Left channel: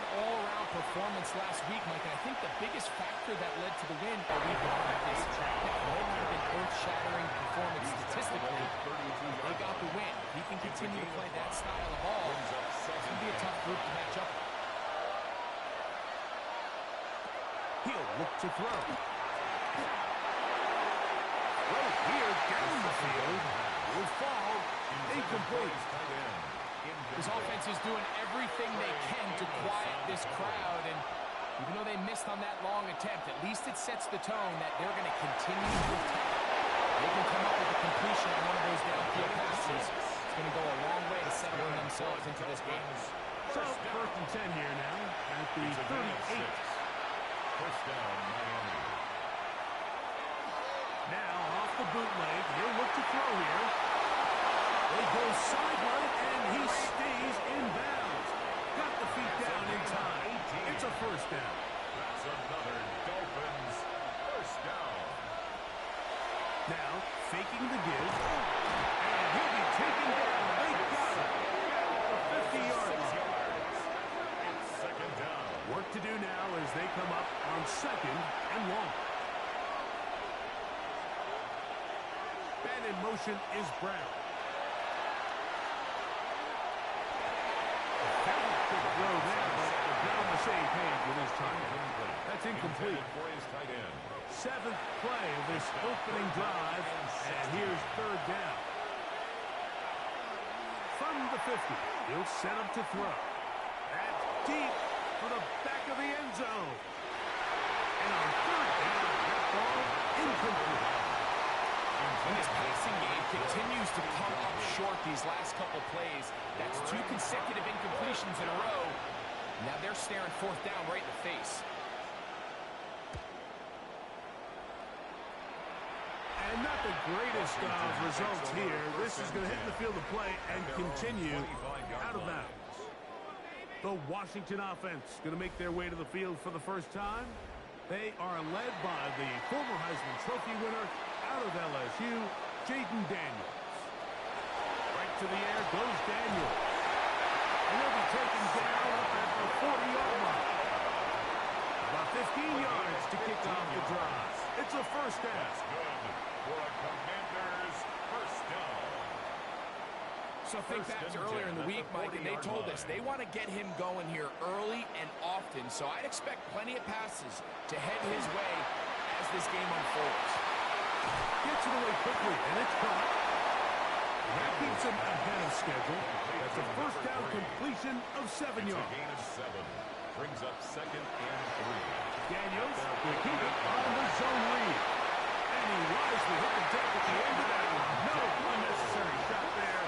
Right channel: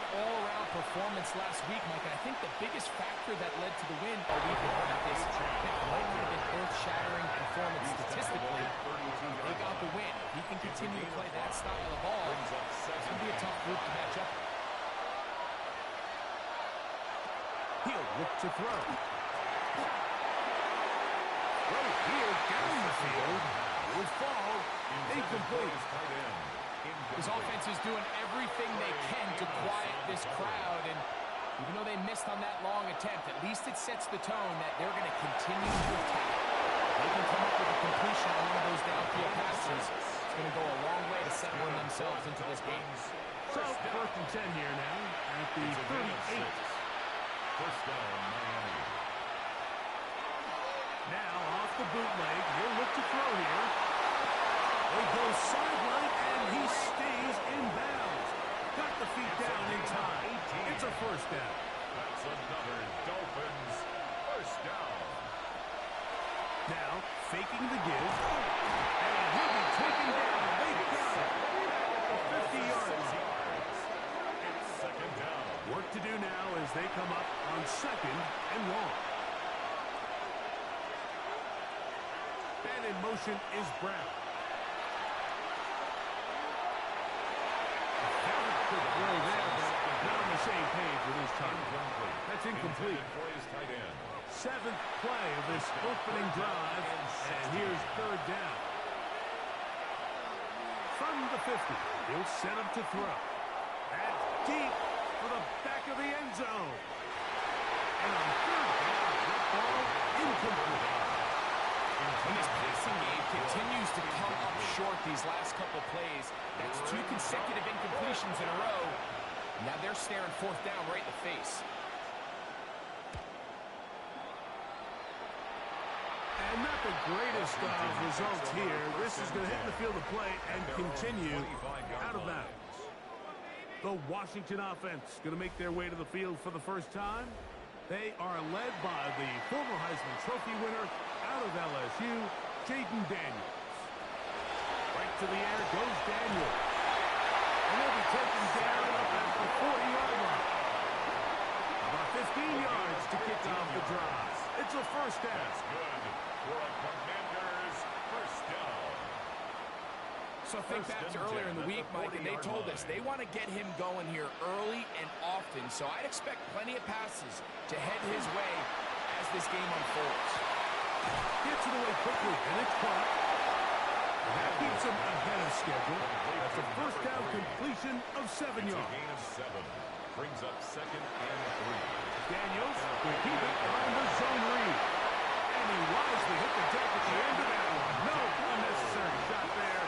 solid all-around performance last week, Mike. And I think the biggest factor that led to the win all week in practice, it might not have been earth-shattering performance statistically. They got the win. If he can continue to play that style of ball, it's going to be a tough group to match up with. He'll look to throw. Right here down the field. Will fall. Incomplete. This offense is doing everything they can to quiet this crowd, and even though they missed on that long attempt, at least it sets the tone that they're going to continue to attack. They can come up with a completion on one of those downfield passes. It's going to go a long way to settling themselves into this game. So, 1st and 10 here now at the 38. First down, Miami. Now, off the bootleg, he'll look to throw here. They go sideline, and he stays in bounds. Got the feet down in time. It's a first down. That's another Dolphins first down. Now, faking the give. And he'll be taken down. They got it. At the 50-yard line. It's second down. Work to do now as they come up on 2nd and long. Man in motion is Brown. Quick throw there, but not on the same page with his target. That's incomplete. For his tight end. 7th play of this opening drive, and here's 3rd down. From the 50, he'll set him to throw. That's deep for the back of the end zone. And on 3rd down, that ball incomplete. And this passing game continues to come up short these last couple plays. That's 2 consecutive incompletions in a row. Now they're staring 4th down right in the face. And not the greatest of results here. This is going to hit the field of play and continue out of bounds. The Washington offense going to make their way to the field for the first time. They are led by the former Heisman Trophy winner out of LSU, Jaden Daniels. Right to the air goes Daniels. And they'll be taken down up at the 40-yard line. About 15 yards to kick off the drive. It's a first down. That's good for a Commanders first down. So think back to earlier in the week, Mike, and they told us they want to get him going here early and often. So I'd expect plenty of passes to head his way as this game unfolds. Gets it away quickly, and it's caught. And that keeps him ahead of schedule. That's a first down completion of 7 yards. A gain of 7. Brings up 2nd and 3. Daniels will keep it on the zone read. And he wisely hit the deck at the end of that one. No unnecessary shot there.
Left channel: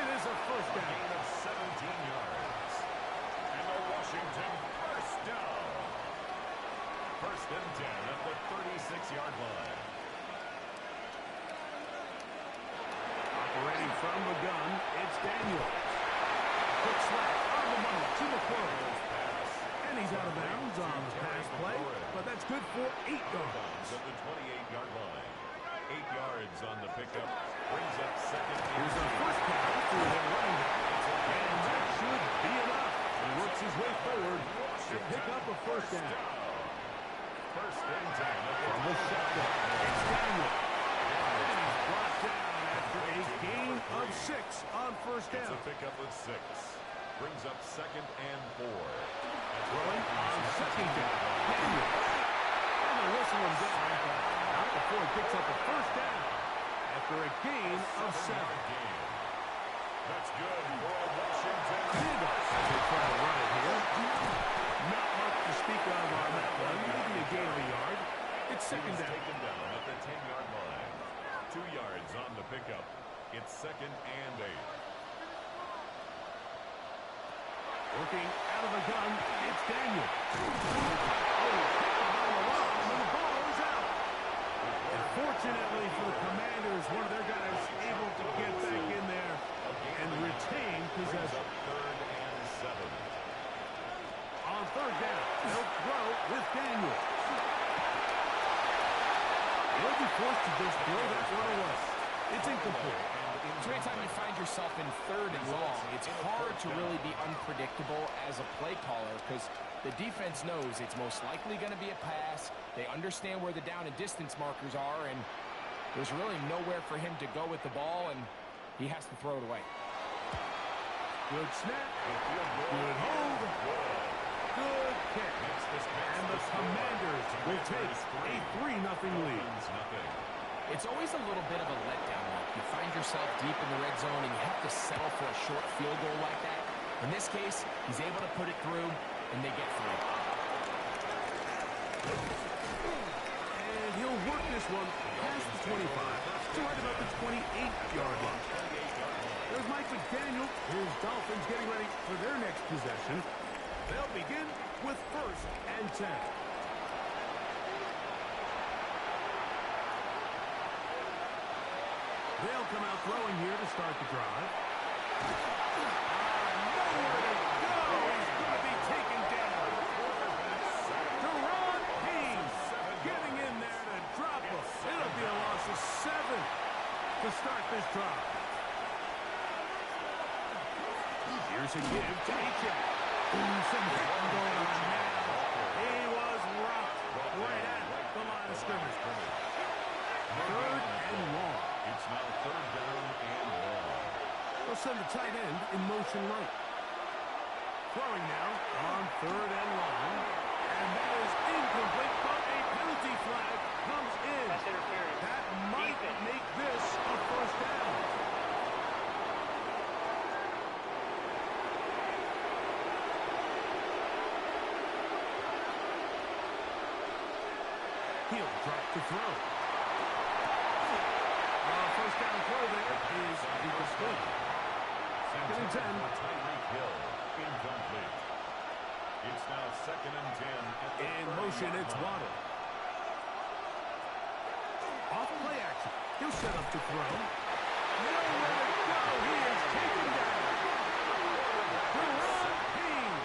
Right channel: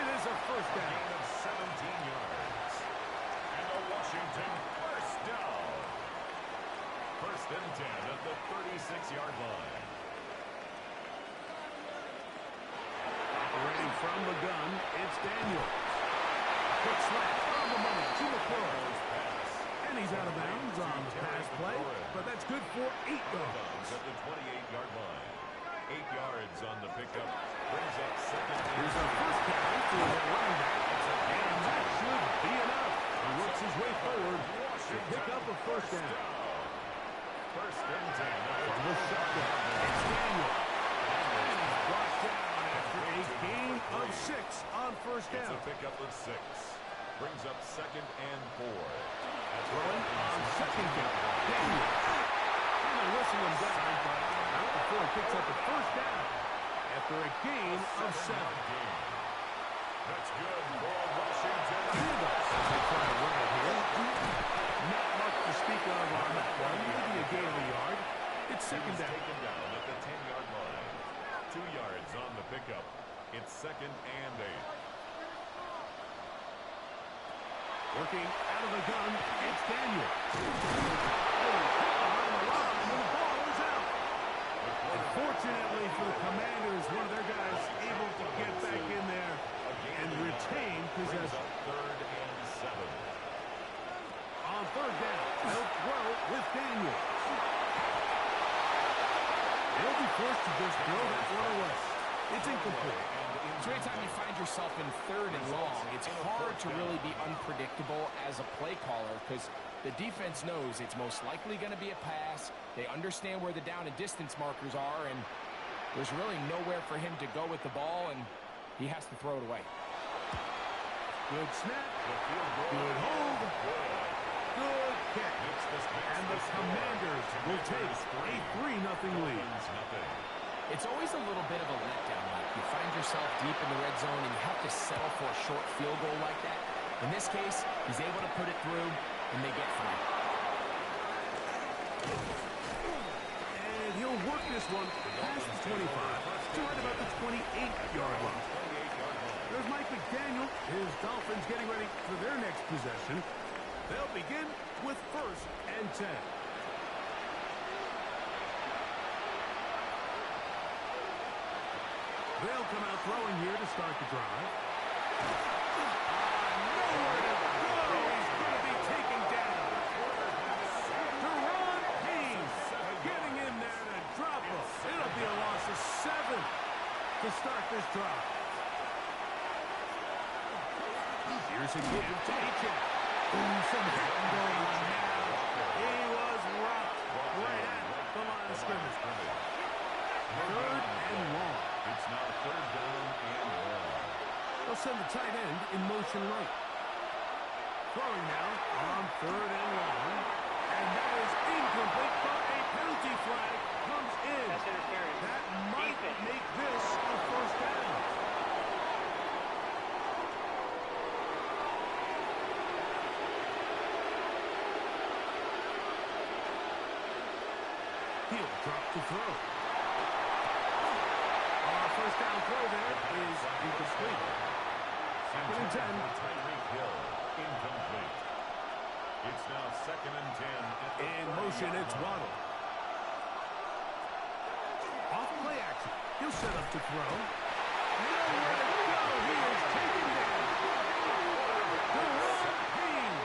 It is a first down. A gain of 17 yards. And a Washington first down. 1st and 10 at the 36-yard line. Operating from the gun, it's Daniels. Quick slant on the money to McCoy. And he's out of bounds on the pass play, but that's good for 8 yards. At the 28-yard line. 8 yards on the pickup. Brings up 2nd. Here's a first down for their running back. And that should be enough. He works his way forward to pick up a first down. 1st and 10 from the shotgun. It's Daniels. And he's brought down after a gain of 6 on first down. It's a pickup of 6. Brings up 2nd and 4. Throwing on 2nd down. Daniels. And they'll whistle him down, but not before he picks up a first down after a gain of 7. That's good for a Washington. Handoff as they try to run it here. Not much to speak of on that one. Maybe a gain of a yard. It's 2nd down. Taken down at the 10-yard line. 2 yards on the pickup. It's 2nd and 8. Working out of the gun, it's Daniel. Oh, hit behind the line, and the ball is out. Unfortunately for the Commanders, one of their guys able to get back in there and retain possession. 3rd and 7. On 3rd down, they'll throw with Daniel. They'll be forced to just throw that one away. It's incomplete. So anytime you find yourself in 3rd and long, it's hard to really be unpredictable as a play caller because the defense knows it's most likely going to be a pass. They understand where the down and distance markers are, and there's really nowhere for him to go with the ball, and he has to throw it away. Good snap. Good hold. Good kick. And the Commanders will take a 3-0 lead. It's always a little bit of a letdown. Like you find yourself deep in the red zone and you have to settle for a short field goal like that. In this case, he's able to put it through, and they get 3. And he'll work this one past the 25 to right about the 28-yard line. There's Mike McDaniel. His Dolphins getting ready for their next possession. They'll begin with 1st and 10. They'll come out throwing here to start the drive. Nowhere to go. He's going to be taken down. Deron Payne getting in there to drop him. It'll be a loss of 7 to start this drive. Here's a give to Achane. Some hitting going on now. He was rocked right at the line of scrimmage. 3rd and long. It's now 3rd down and long. They'll send the tight end in motion right. Throwing now on 3rd and long. And that is incomplete, but a penalty flag comes in. That's interference. That might make this a 1st down. He'll drop to throw. 1st down throw there is incomplete. 2nd and 10. Tyreek Hill, incomplete. It's now 2nd and 10. In motion, it's Waddle. Off play action. He'll set up to throw. Nowhere to go. He is taken down. Deron Payne.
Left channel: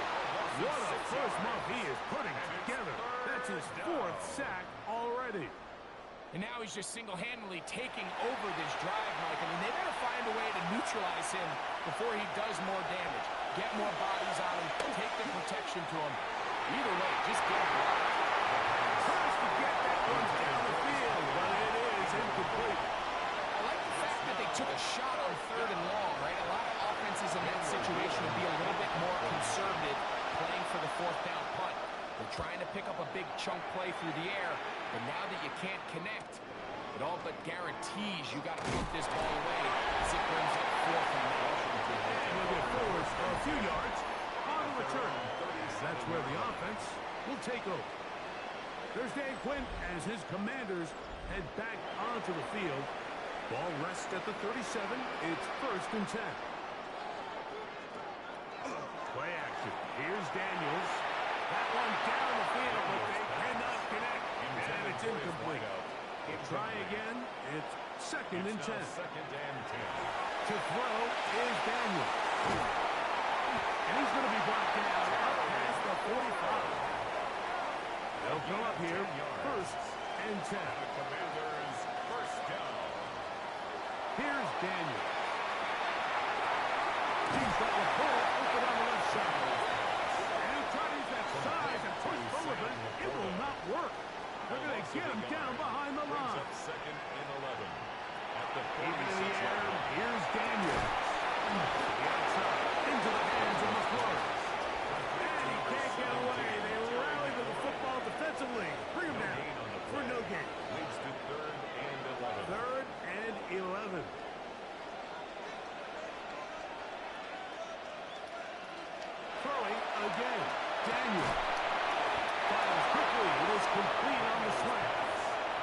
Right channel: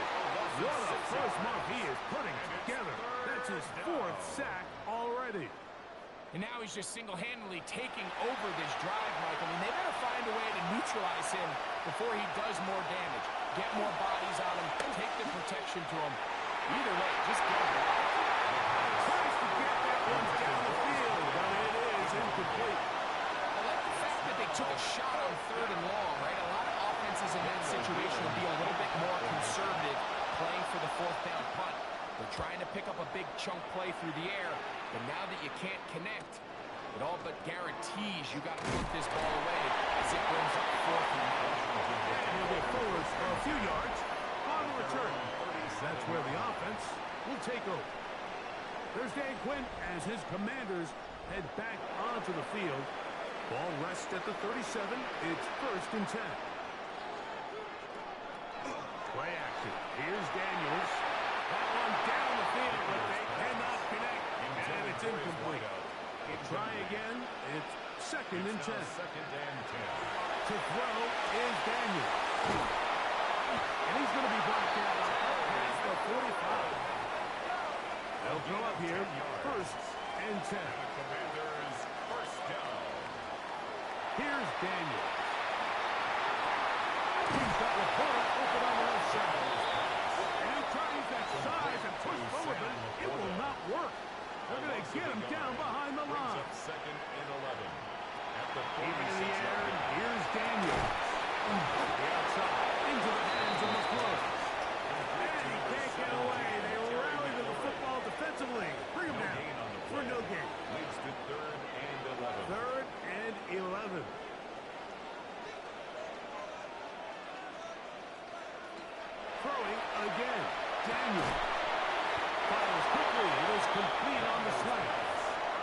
What a first month he is putting together. That's his 4th sack already. And now he's just single-handedly taking over this drive, Mike. I mean, they better find a way to neutralize him before he does more damage. Get more bodies on him. Take the protection to him. Either way, just get a block. Tries to get that one down the field, but it is incomplete. I like the fact that they took a shot on 3rd and long, right? A lot of offenses in that situation will be a little bit more conservative playing for the 4th down punt. They're trying to pick up a big chunk play through the air, but now that you can't connect, it all but guarantees you got to put this ball away as it brings up 4th and long. And he'll get forward a few yards on the return. That's where the offense will take over. There's Dan Quinn as his Commanders head back onto the field. Ball rests at the 37. It's 1st and 10. Play action. Here's Daniels. That one down the field, but they cannot connect. And it's incomplete. Try again. It's 2nd and 10. 2nd and 10. To throw is Daniel. And he's going to be brought down up past the 45. They'll go up here. 1st and 10. The Commanders' 1st down. Here's Daniel. He's got Laporta open on the left side. And he'll try to use that size and push forward, but it will not work. They're going to get him down behind the line. 2nd and 11. At the Even in the air, here's Daniel. The outside, into the hands of McClure. And he can't get away. They rally to the football defensively. Bring him down for no gain. Leads to 3rd and 11. 3rd and 11. Throwing again. Daniel fires quickly. It is complete on the slant.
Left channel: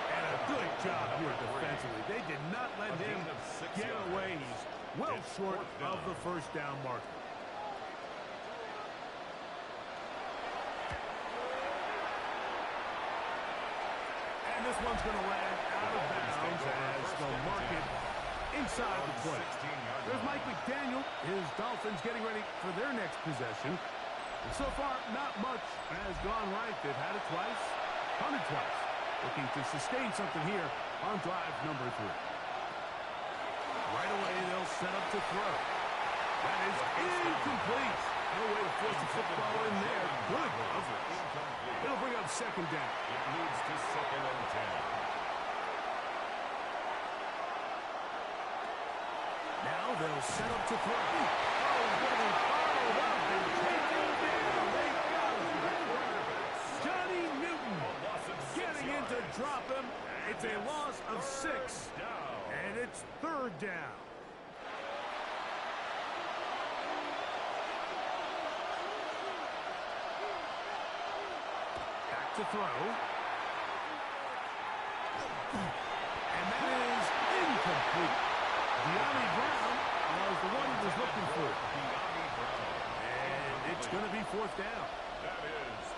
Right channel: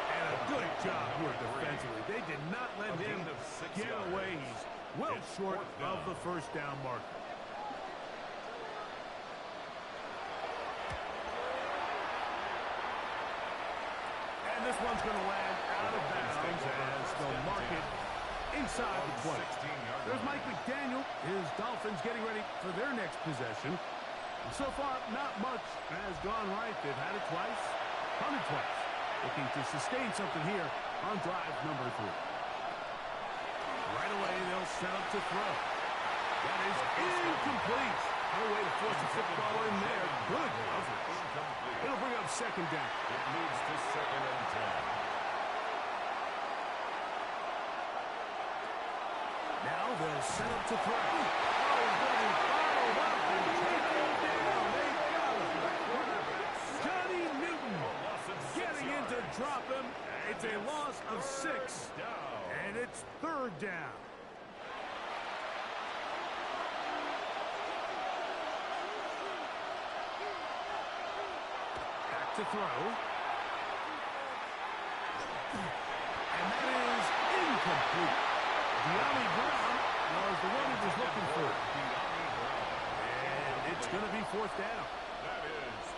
And a good job here defensively. They did not let him get away. He's well short of the 1st down marker. And this one's going to land out of bounds as they'll mark it inside the 20. There's Mike McDaniel. His Dolphins getting ready for their next possession. And so far, not much has gone right. They've had it twice, punted twice. Looking to sustain something here on drive number 3. Right away, they'll set up to throw. That is incomplete. No way to force the football in there. Good coverage. It'll bring up second down. It moves to 2nd and 10. Now they'll set up to throw. Oh, he's going to be followed up and taken down. They got him. Johnny Newton getting in to drop him. It's a loss of 6, and it's 3rd down. Back to throw. And that is incomplete. De'Ami Brown was the one he was looking for. And it's going to be 4th down.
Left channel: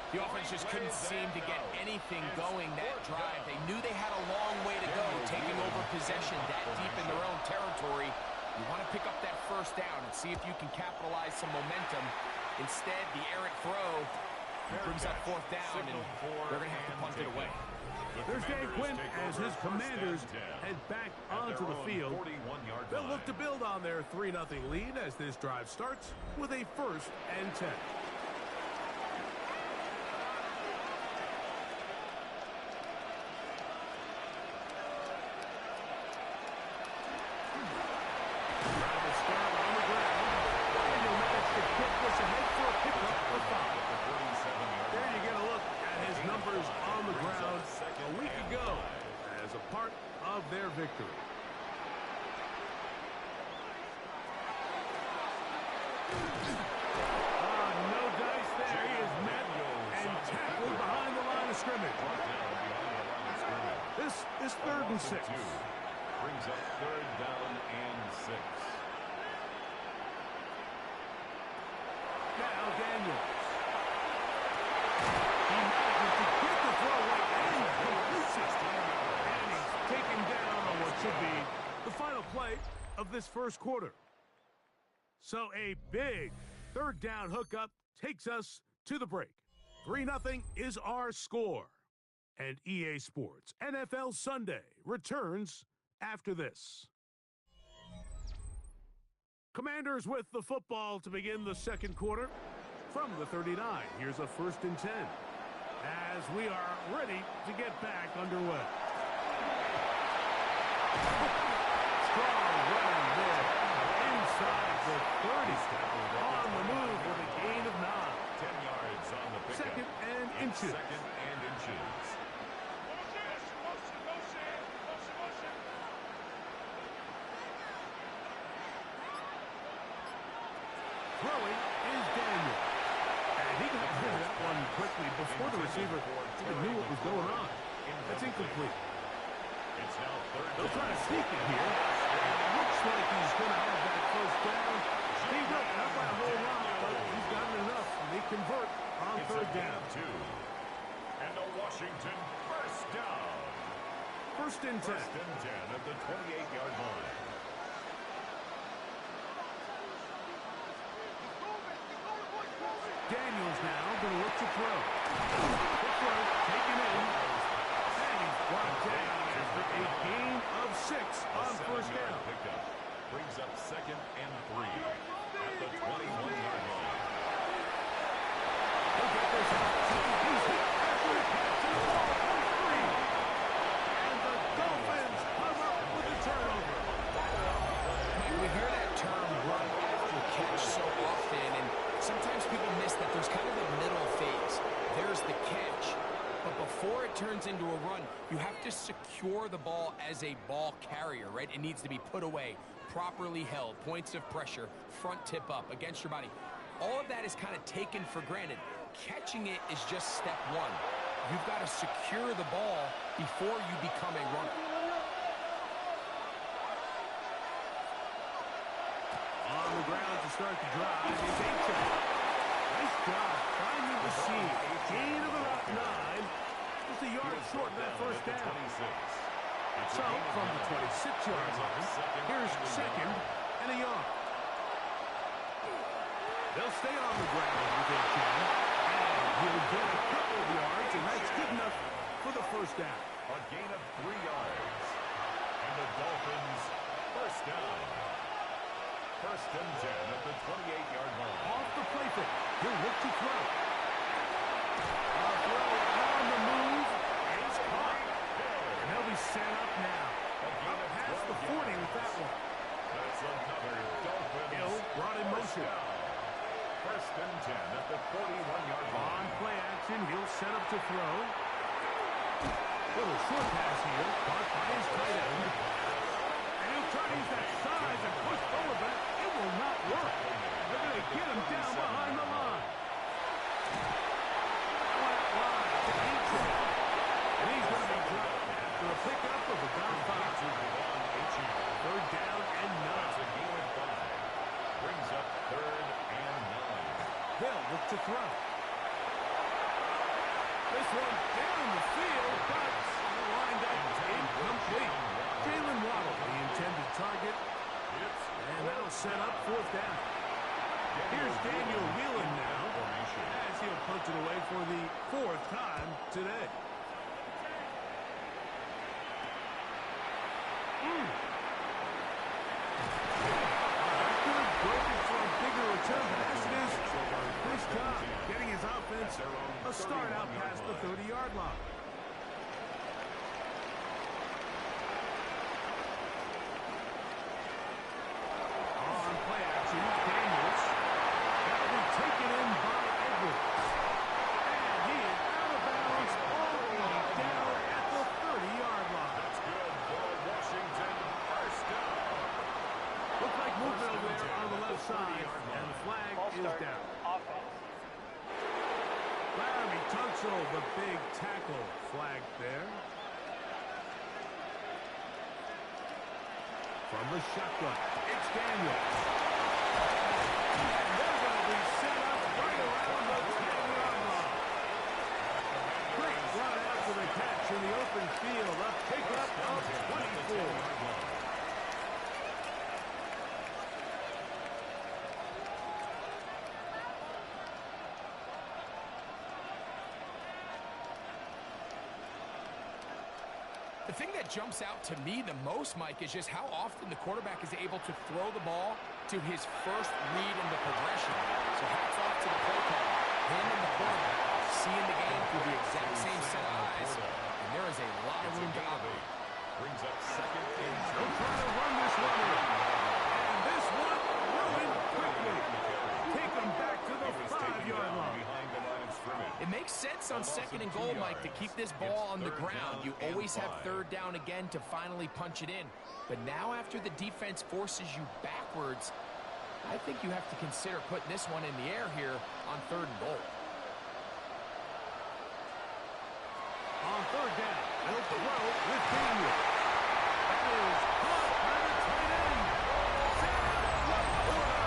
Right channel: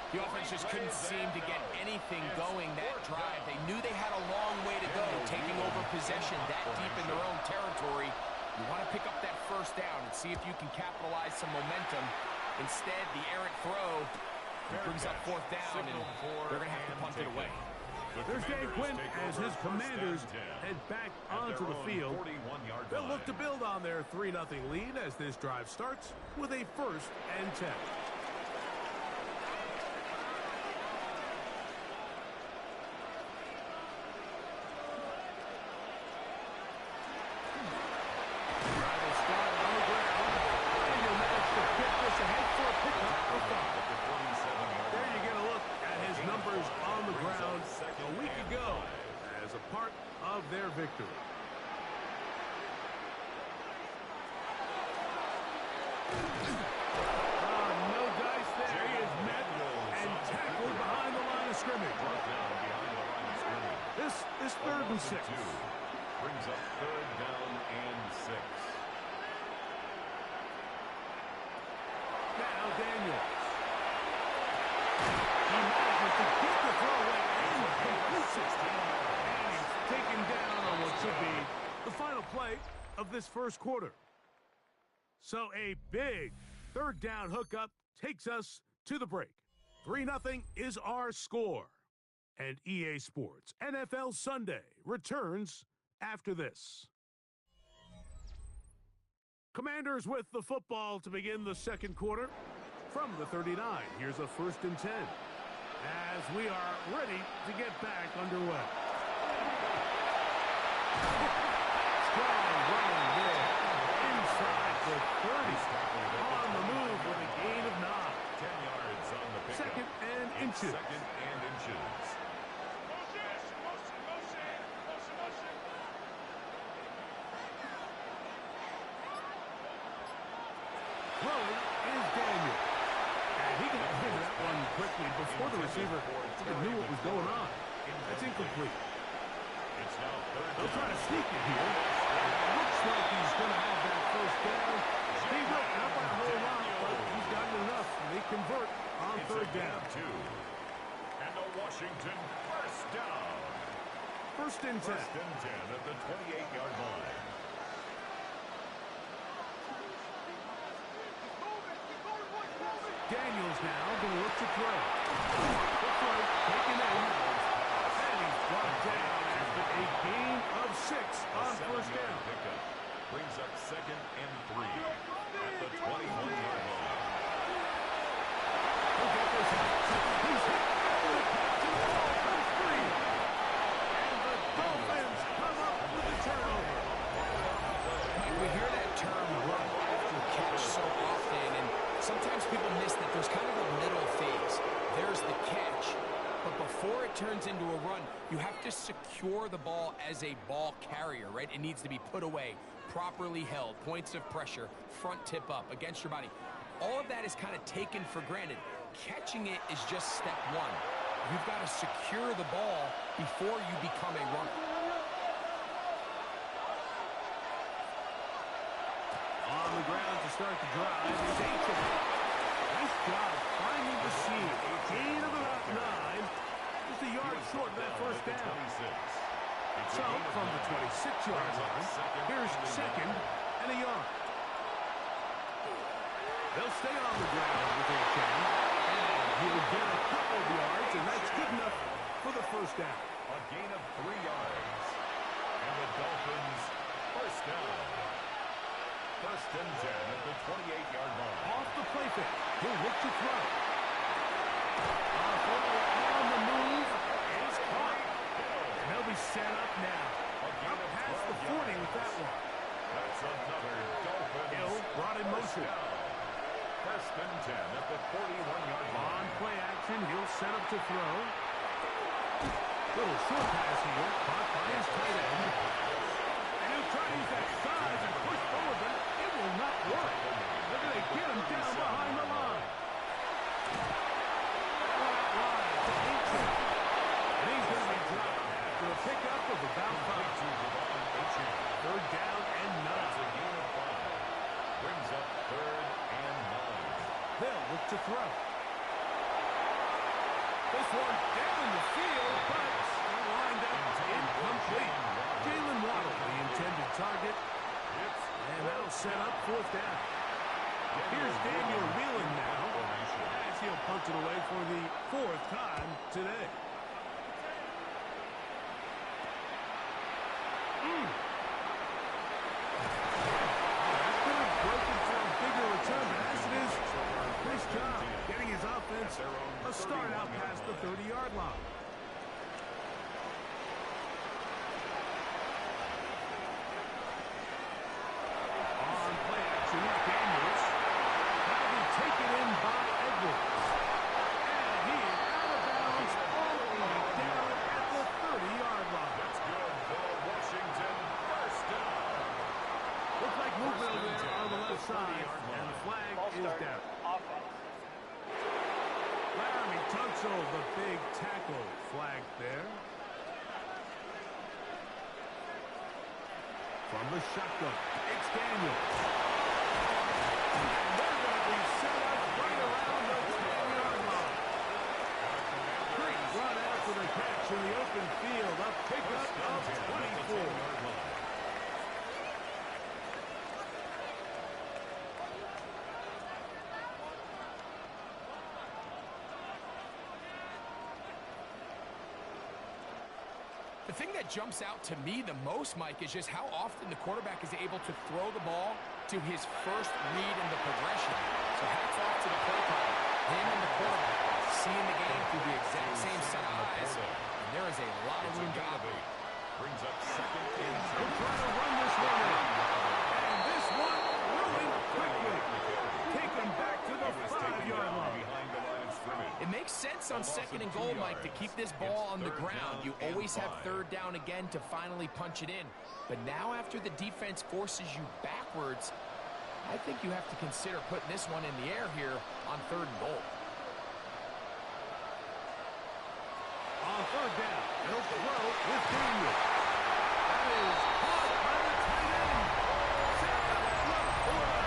The offense just couldn't seem to get anything going that drive. They knew they had a long way to go, taking over possession that deep in their own territory. You want to pick up that 1st down and see if you can capitalize some momentum. Instead, the errant throw brings up 4th down, and they're going to have to punt it away. There's Dan Quinn as his Commanders head back onto the field. They'll look to build on their 3-0 lead as this drive starts with a 1st and 10. Drive will start on the ground, and he'll manage to get this ahead for a pickup of 5. There you get a look at his numbers on the ground a week ago as a part of their victory. No dice there. He is met and tackled behind the line of scrimmage. This is 3rd and 6. Brings up 3rd down and 6. Now Daniels. He manages to get the throwaway and completes it. And he's taken down on what should be the final play of this 1st quarter. So a big 3rd down hookup takes us to the break. 3-0 is our score. And EA Sports NFL Sunday returns after this. Commanders with the football to begin the 2nd quarter. From the 39, here's a 1st and 10. As we are ready to get back underway. Strong running there. Inside the 30. On the move with a gain of 9. 10 yards on the pickup. 2nd and inches. 2nd and inches. Throwing is Daniel. And he got rid of that one quickly before the receiver even knew what was going on. That's incomplete. It's now 3rd. They'll try to sneak it here. It looks like he's going to have that 1st down. He will, not by a whole lot, but he's gotten enough. And they convert on 3rd down. 2. And a Washington 1st down. 1st and 10. 1st and 10 at the 28-yard line. Daniels now going to look to throw. The throw taken in. And he's brought down after a gain of 6 on 1st down. Pickup brings up 2nd and 3 at the 21-yard line. He'll get this out. He's hit after the catch, and the ball comes free. And the Dolphins come up with a turnover. Mike, we hear that term run after catch so often, and sometimes people miss that there's kind of a middle phase. There's the catch, but before it turns into a run, you have to secure the ball as a ball carrier, right? It needs to be put away, properly held, points of pressure, front tip up against your body. All of that is kind of taken for granted. Catching it is just step 1. You've got to secure the ball before you become a runner. On the ground to start the drive is Aiken. Nice job finding the seam. A gain of about 9. Just a yard short of that 1st down. So from the 26-yard line, here's 2nd and a yard. They'll stay on the ground with Aiken. And he'll get a couple of yards, and that's good enough for the 1st down. A gain of 3 yards. And the Dolphins First down. First and 10 at the 28-yard line. Off the play fake. He'll look to throw. A throw on the move is caught. And they'll be set up now. Up past the 40 with that one. That's another Dolphins. Hill brought in motion. First and 10 at the 41-yard line. On play action, he'll set up to throw. Little short pass here, caught by his tight end. And he'll try to use that size and push forward, but it will not work. They're going to get him down behind the line. That one out wide to Anchin. And he's going to be dropped after a pickup of about 5. Third down and 9. That's a gain of 5. Brings up third and 9. They'll look to throw. This one down the field, but lined up incomplete. Jalen Waddle, the intended target. And that'll set up fourth down. Here's Daniel Whelan now, as he'll punt it away for the 4th time today. That could have broken for a bigger return, but as it is, nice job getting his offense a start out past the 30-yard line. On play action, Daniels. That'll be taken in by Edwards. And he is out of bounds all the way down at the 30-yard line. That's good for Washington. First down. Looks like movement over there on the left side, and the flag is down. Offense. Laramie Tunsil, the big tackle, flag there. From the shotgun, it's Daniels. And they're going to be set up right around the 10-yard line. Great run after the catch in the open field. A pickup of 24. The thing that jumps out to me the most, Mike, is just how often the quarterback is able to throw the ball to his first read in the progression. So hats off to the play caller. Him and the quarterback seeing the game through the exact same set of eyes. And there is a lot of room to operate. Brings up second and They'll try to run this one in. And this one ruined quickly. Take him back to the 5-yard line. behind the line of scrimmage. It makes sense on second and goal, Mike, to keep this ball on the ground. You always have third down again to finally punch it in. But now after the defense forces you backwards, I think you have to consider putting this one in the air here on third and goal. On third down, they'll throw with Daniels. That is caught by the tight end. Sam Laporta.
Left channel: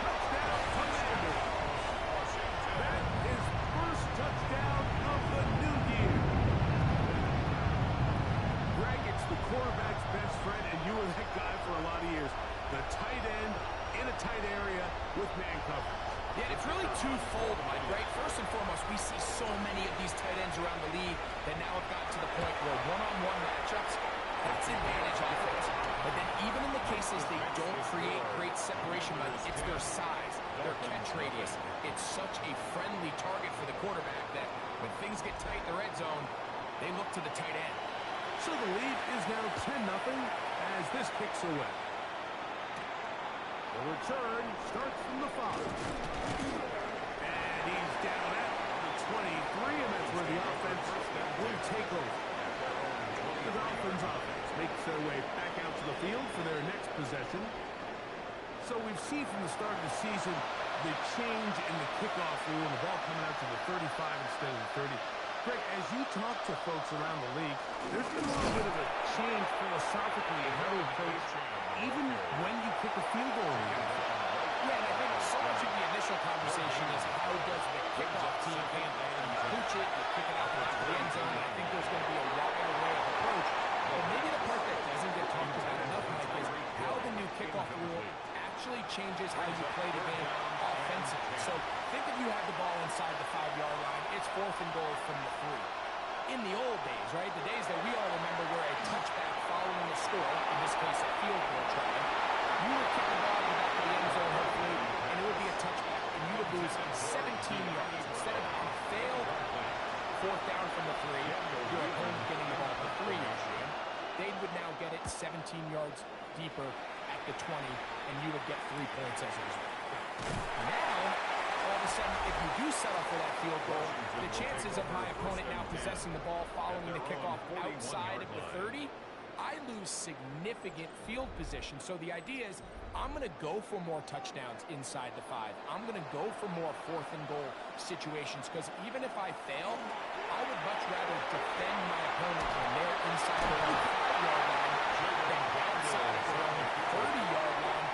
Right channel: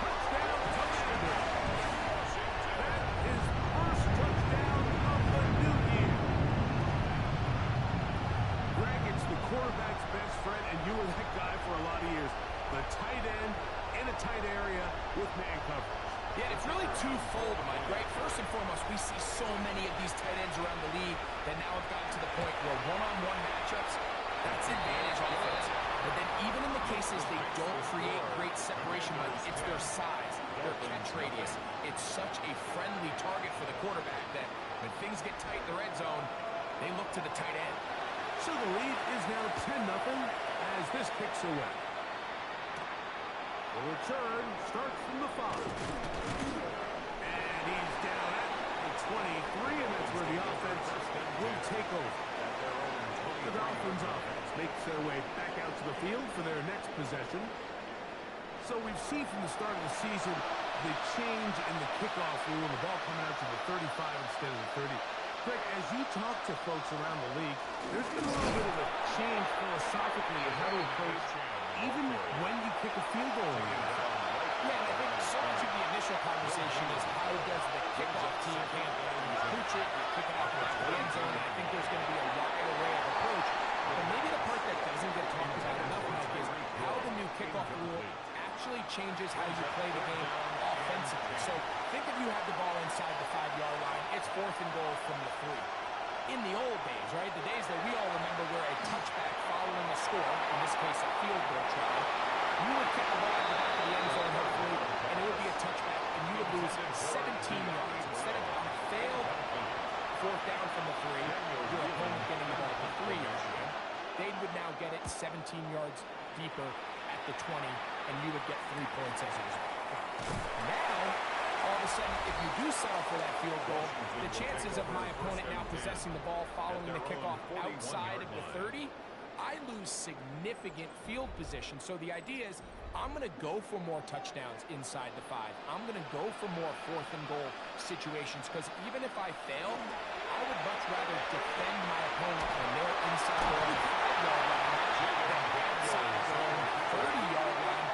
Touchdown, Commander. That is first touchdown of the new year. Greg, it's the quarterback's best friend, and you were that guy for a lot of years. The tight end in a tight area with man coverage. Yeah, it's really twofold, Mike, right? First and foremost, we see so many of these tight ends around the league that now have gotten to the point where one-on-one matchups, that's advantage offense. But then even in the cases they don't create great separation, Mike, it's their size, their catch radius. It's such a friendly target for the quarterback that when things get tight in the red zone, they look to the tight end. So the lead is now 10-0 as this kicks away. The return starts from the 5. And he's down at the 23, and that's where the offense will take over. The Dolphins offense makes their way back out to the field for their next possession. So we've seen from the start of the season the change in the kickoff rule, the ball coming out to the 35 instead of the 30. Greg, as you talk to folks around the league, there's been a little bit of a change philosophically in how to approach even when you kick a field goal in the NFL. Yeah, and I think so much of the initial conversation is how does the kickoff team handle it? You pooch it, you kick it out the back of the end zone, and I think there's going to be a wide array of approach. But maybe the part that doesn't get talked about enough, Mike, is how the new kickoff rule actually changes how you play the game offensively. So think if you have the ball inside the 5-yard line, it's 4th and goal from the 3. in the old days, right, the days that we all remember where a touchback following a score, in this case a field goal try, you would kick the ball in the back of the end zone, hopefully, and it would be a touchback, and you would lose 17 yards. Instead of on a failed fourth down from the 3, your opponent getting the ball at the 3-yard line, they would now get it 17 yards deeper at the 20, and you would get 3 points as a result. Now, all of a sudden, if you do settle for that field goal, the chances of my opponent now possessing the ball following the kickoff outside of the 30, I lose significant field position. So the idea is I'm going to go for more touchdowns inside the 5. I'm going to go for more fourth and goal situations because even if I fail, I would much rather defend my opponent when they're inside their own 5-yard line than outside of their own 30-yard line,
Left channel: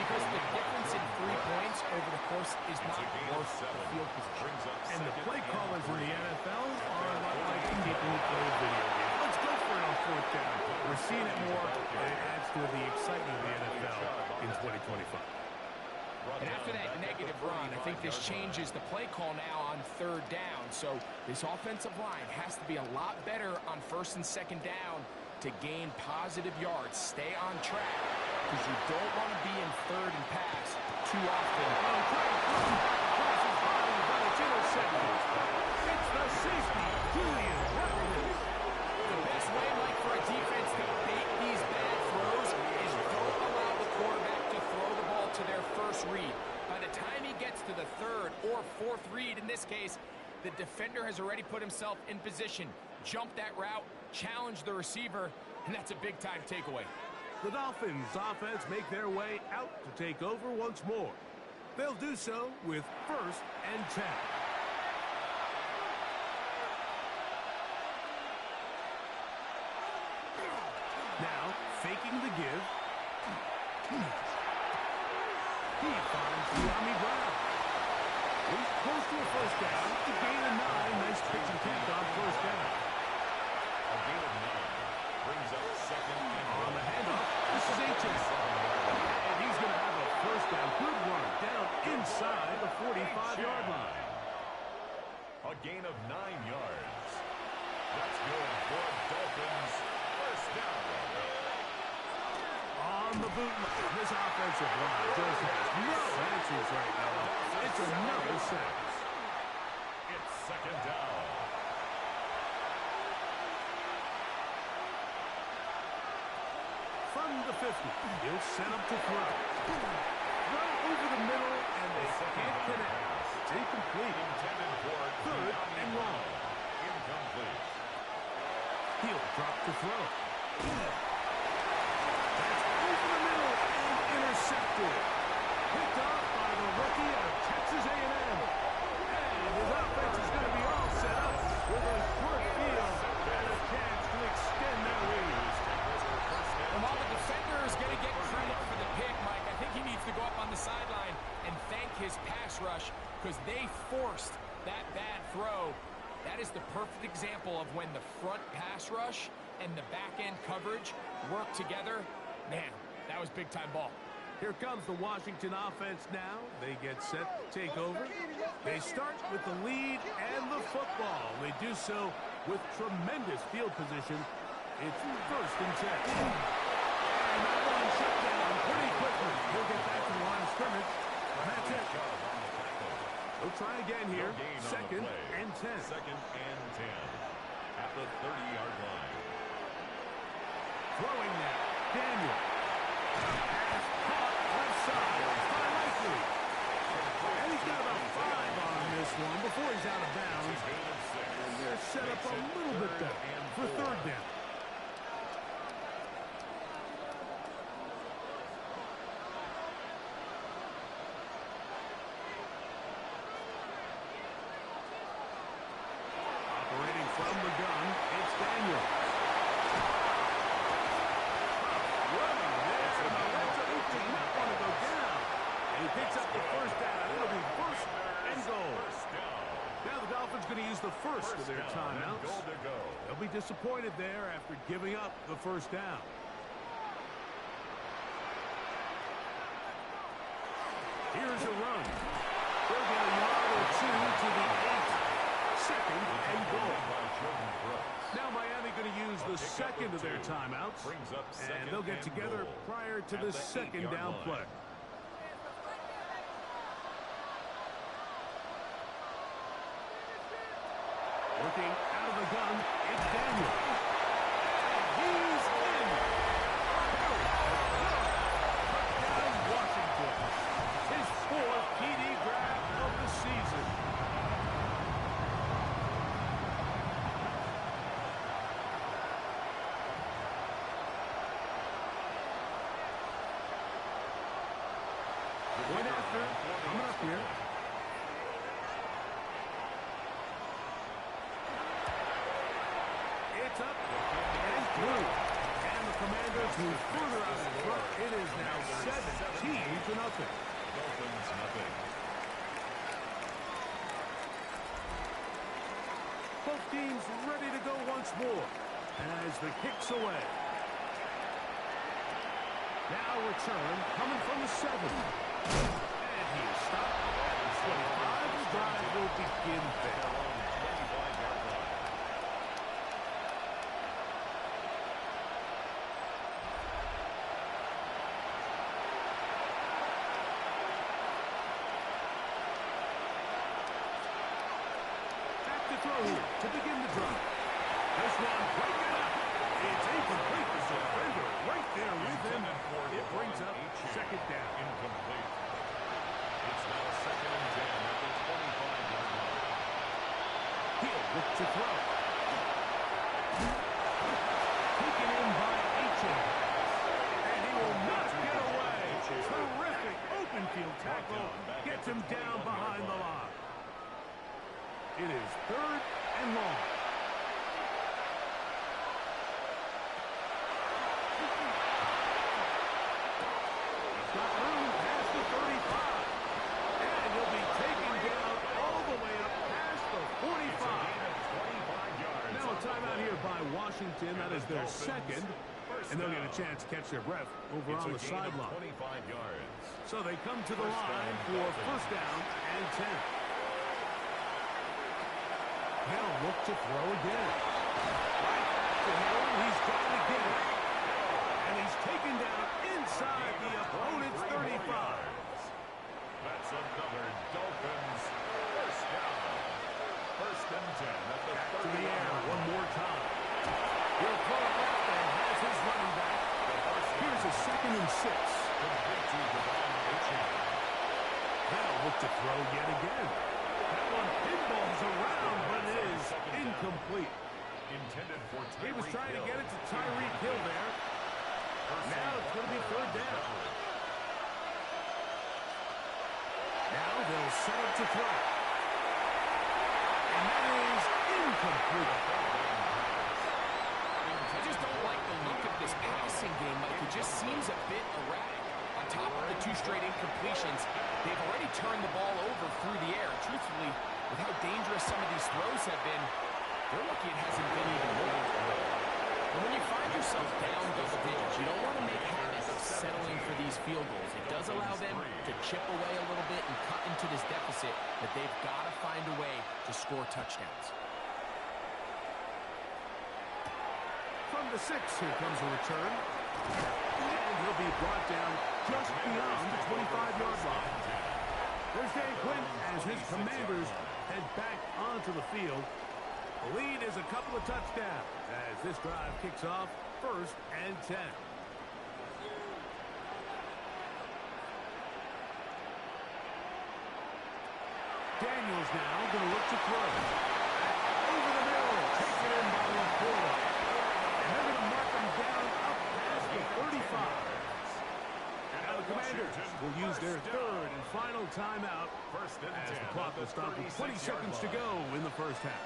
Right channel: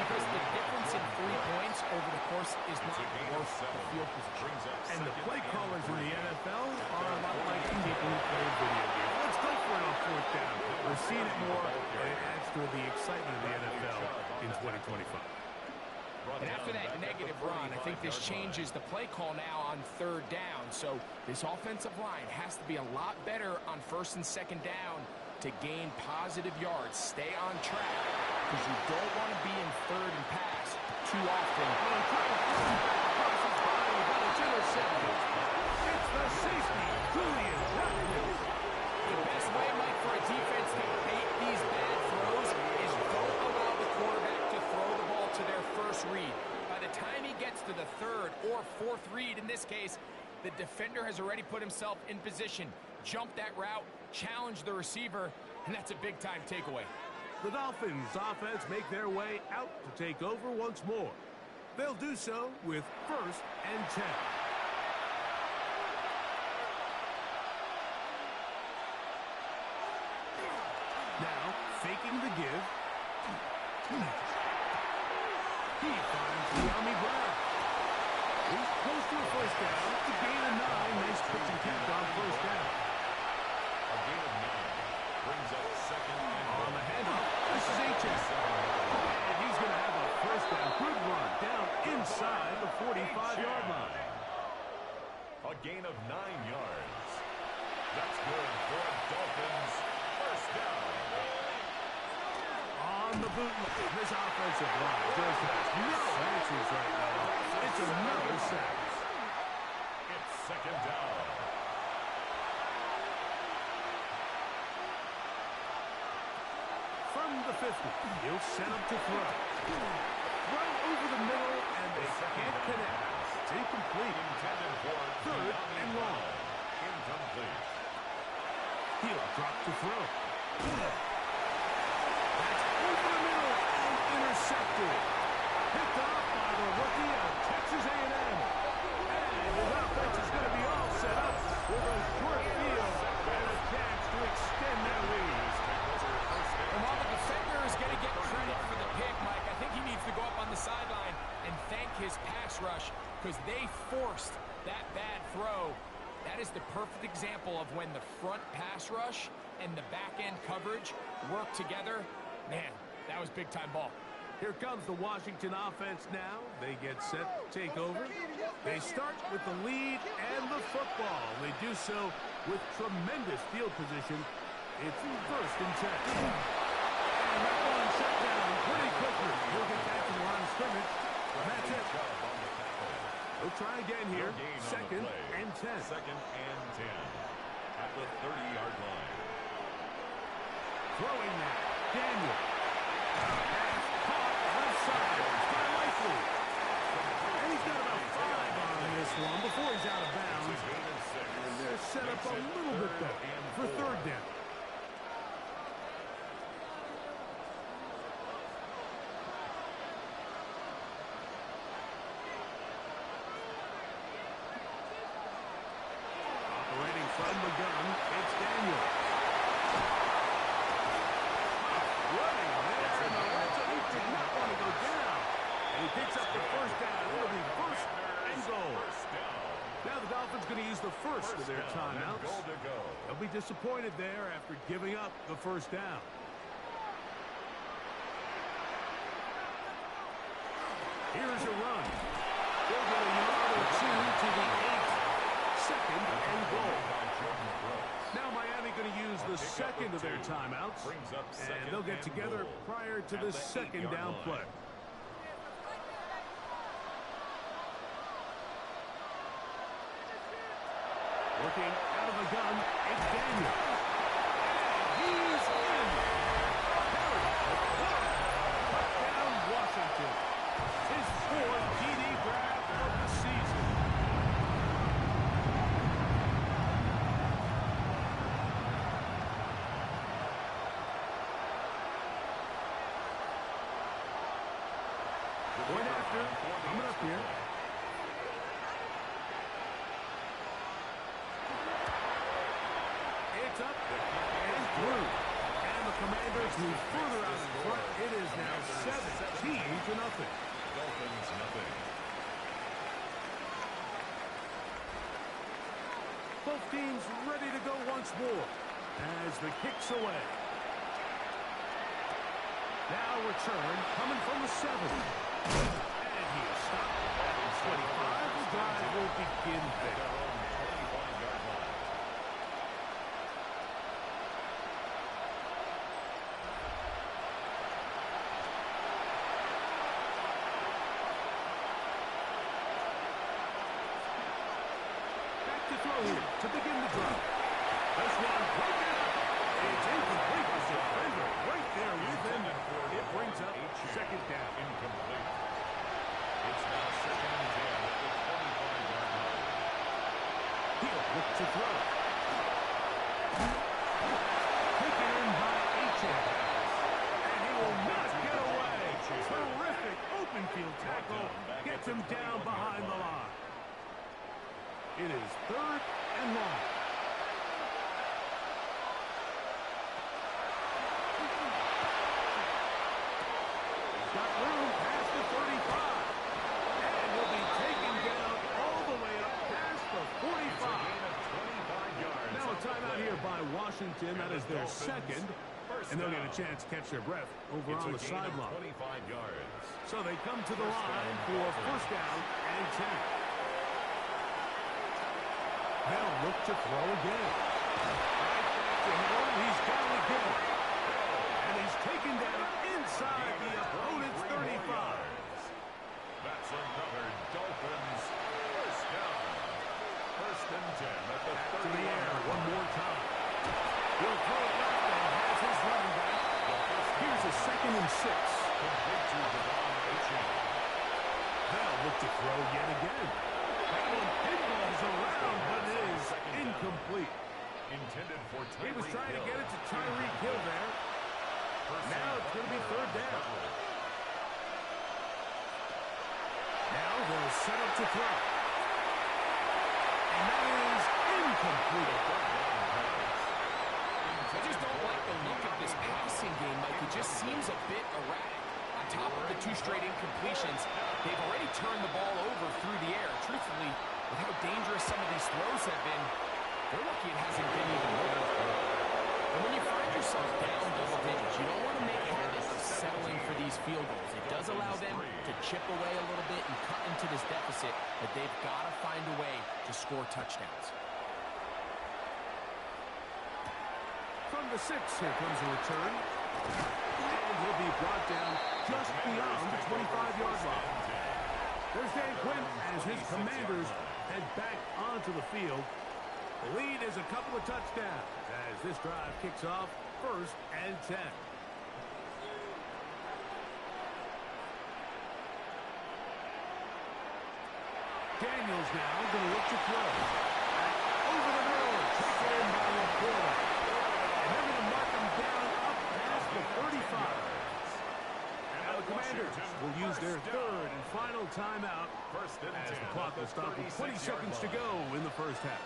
because the difference in 3 points over the course is not worth the field position. And the play callers in the NFL are a lot like people who play video games. Let's go for it on fourth down. We're seeing it more, and it adds to the excitement of the NFL in 2025. And after that negative run, I think this changes the play call now on third down. So this offensive line has to be a lot better on first and second down to gain positive yards. Stay on track, because you don't want to be in third and pass too often. Trying to throw it back across his body, but it's intercepted. It's the safety, Julian Watkins. The best way, Mike, for a defense to bait these bad throws is don't allow the quarterback to throw the ball to their first read. By the time he gets to the third or fourth read, in this case, the defender has already put himself in position, jump that route, challenge the receiver, and that's a big-time takeaway. The Dolphins offense make their way out to take over once more. They'll do so with 1st and 10. Now, faking the give. He finds Yami Brown. He's close to a first down. To gain a 9. Nice pitch and catch on first down. A gain of 9 brings up second and on the handoff. This is H.S. And he's going to have a first down. Good run down inside the 45-yard line. A gain of 9 yards. That's good for a Dolphins first down. On the bootleg, this offensive line just has no answers right now. It's another sack. It's second down. From the 50, he'll set up to throw. Throw over the middle, and they can't connect. It's incomplete. Intended for third and long. Incomplete. He'll drop to throw. That's over the middle and intercepted. Picked off by the rookie of Texas A&M. And his offense is going to be all set up with a short field and a chance to extend their lead. And while the defender is going to get credit for the pick, Mike, I think he needs to go up on the sideline and thank his pass rush, because they forced that bad throw. That is the perfect example of when the front pass rush and the back-end coverage work together. Man, that was big-time ball. Here comes the Washington offense now. They get set to take over. They start with the lead and the football. They do so with tremendous field position. It's 1st and 10. And that one shut down pretty quickly. He'll get back to the line of scrimmage. That's it. They'll try again here. 2nd and 10. 2nd and 10 at the 30-yard line. Throwing now. Daniel. Pass caught left side by Likely. And he's got about 5 on this one before he's out of bounds. And they're set up a little bit better for 3rd down. Operating from the gun, it's Daniel. Running there, and the Reds, he did not want to go down. And he picks up the first down. It'll be 1st and goal. Now the Dolphins going to use the first of their timeouts. They'll be disappointed there after giving up the first down. Here's a run. They'll get a yard or 2 to the 8. second and goal. Now Miami going to use the second of their timeouts, and they'll get together prior to the second down play. Working out of the gun, it's Daniel. And he's in. Touchdown, Washington. His fourth TD grab of the season. Point after, coming up here. It's up and through. And the Commanders move further out in front. It is now 17-0. Dolphins nothing. Both teams ready to go once more as the kick's away. Now return coming from the 7. And he is stopped at 25. The drive will begin there. Their own 25-yard line. Back to throw here to begin the drive. This one broken up. It's incomplete. The defender right there with him. It brings up second down. Incomplete. It's now second and 10 at the 25-yard line. He'll look to throw. Taken in by H.M. And he will not get away. Terrific open field tackle. Gets him down behind the line. It is third and long. Got room past the 35. And he'll be taken down all the way up past the 45. Now a timeout here by Washington. That is their second. And they'll get a chance to catch their breath over on the sideline. 25 yards. So they come to the line for first down and 10. They'll look to throw again. Right back to Hill. He's got it again. And he's taken down inside the opponent's 35. That's another Dolphins first down. First and 10 at the Back 30 to the air one more time. He'll throw it left and has his running back. Here's a second and 6. Complete to Devon Achane. They'll look to throw yet again. That one pinballs around, but it is incomplete. Intended for Tyreek He was trying to Hill. get it to Tyreek Hill there. Now it's going to be third down. Now they'll set up to throw. And that is incomplete. I just don't like the look of this passing game, Mike. It just seems a bit erratic. On top of the 2 straight incompletions, they've already turned the ball over through the air. Truthfully, with how dangerous some of these throws have been, they're lucky it hasn't been even more. And when you find yourself down double digits, you don't want to make habits of settling for these field goals. It does allow them to chip away a little bit and cut into this deficit, but they've got to find a way to score touchdowns. From the 6, here comes a return. And he'll be brought down just beyond the 25-yard line. There's Dan Quinn as his Commanders head back onto the field. The lead is a couple of touchdowns as this drive kicks off first and 10. Daniels now going to look to throw. Back over the middle, taken in by Laporta. And they're going to mark him down up past the 35. Now the Commanders will use their third and final timeout as the clock will stop with 20 seconds to go in the first half.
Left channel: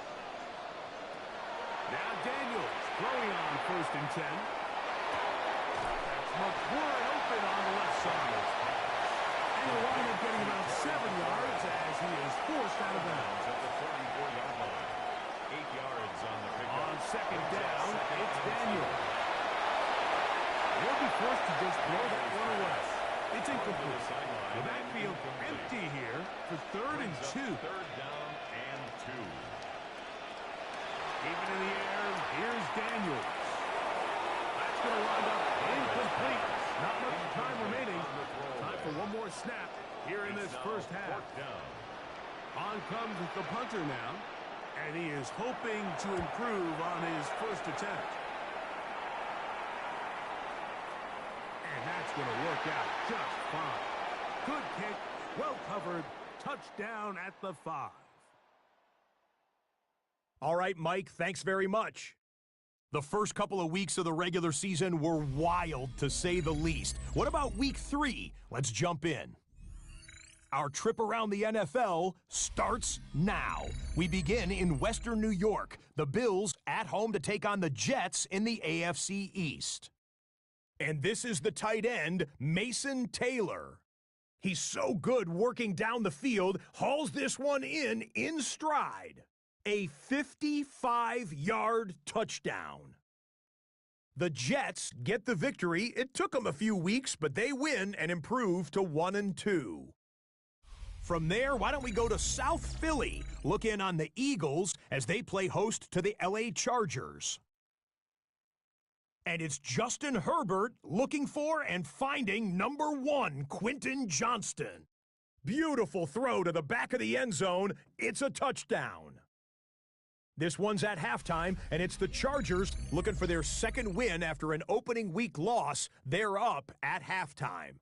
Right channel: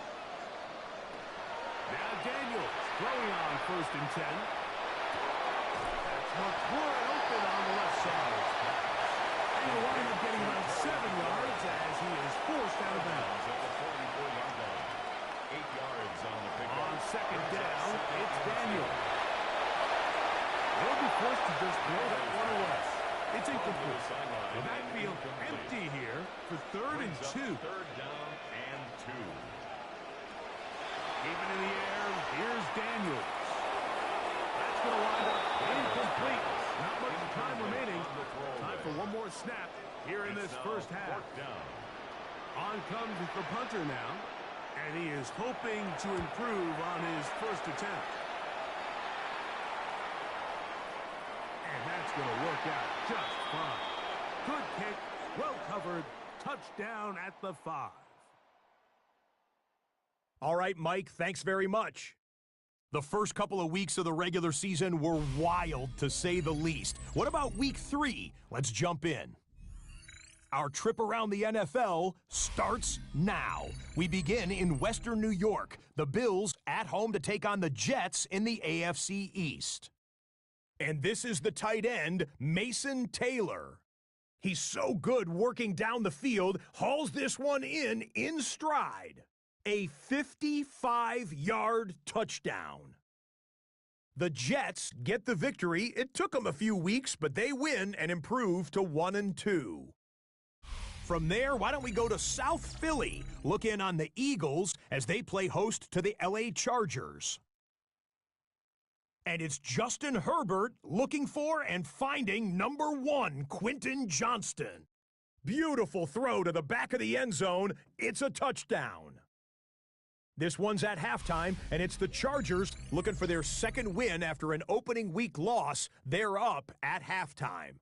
Now Daniels throwing on first and 10. That's much wide open on the left side. And he'll wind up getting about 7 yards as he is forced out of bounds. At the 44-yard line. 8 yards on the pickup. On second down, it's Daniels. He'll be forced to just throw that one away. It's incomplete. The backfield empty here for third and 2. Third down and 2. Driven in the air. Here's Daniels. That's going to wind up incomplete. Not much time remaining. Time for one more snap here in this first half. On comes the punter now. And he is hoping to improve on his first attempt. And that's going to work out just fine. Good kick, well covered, touchdown at the 5. All right, Mike, thanks very much. The first couple of weeks of the regular season were wild, to say the least. What about week 3? Let's jump in. Our trip around the NFL starts now. We begin in Western New York. The Bills at home to take on the Jets in the AFC East. And this is the tight end, Mason Taylor. He's so good working down the field, hauls this one in stride. A 55-yard touchdown. The Jets get the victory. It took them a few weeks, but they win and improve to 1-2. From there, why don't we go to South Philly? Look in on the Eagles as they play host to the LA Chargers. And it's Justin Herbert looking for and finding number 1, Quentin Johnston. Beautiful throw to the back of the end zone. It's a touchdown. This one's at halftime, and it's the Chargers looking for their second win after an opening week loss. They're up at halftime.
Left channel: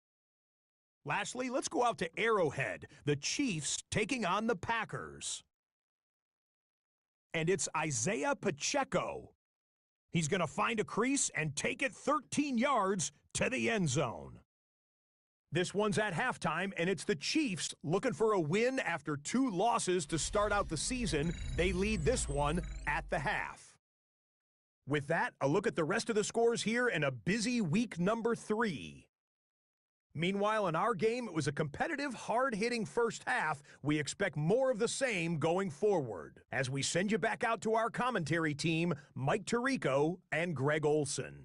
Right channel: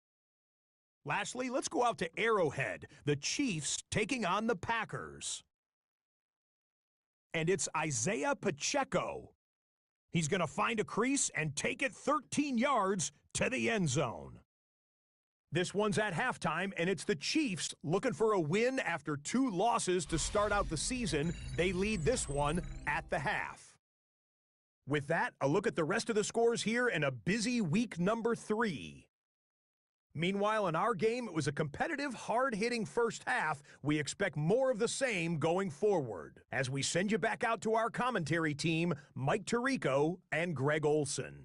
Lastly, let's go out to Arrowhead. The Chiefs taking on the Packers. And it's Isaiah Pacheco. He's going to find a crease and take it 13 yards to the end zone. This one's at halftime, and it's the Chiefs looking for a win after 2 losses to start out the season. They lead this one at the half. With that, a look at the rest of the scores here in a busy week number 3. Meanwhile, in our game, it was a competitive, hard-hitting first half. We expect more of the same going forward. As we send you back out to our commentary team, Mike Tirico and Greg Olson.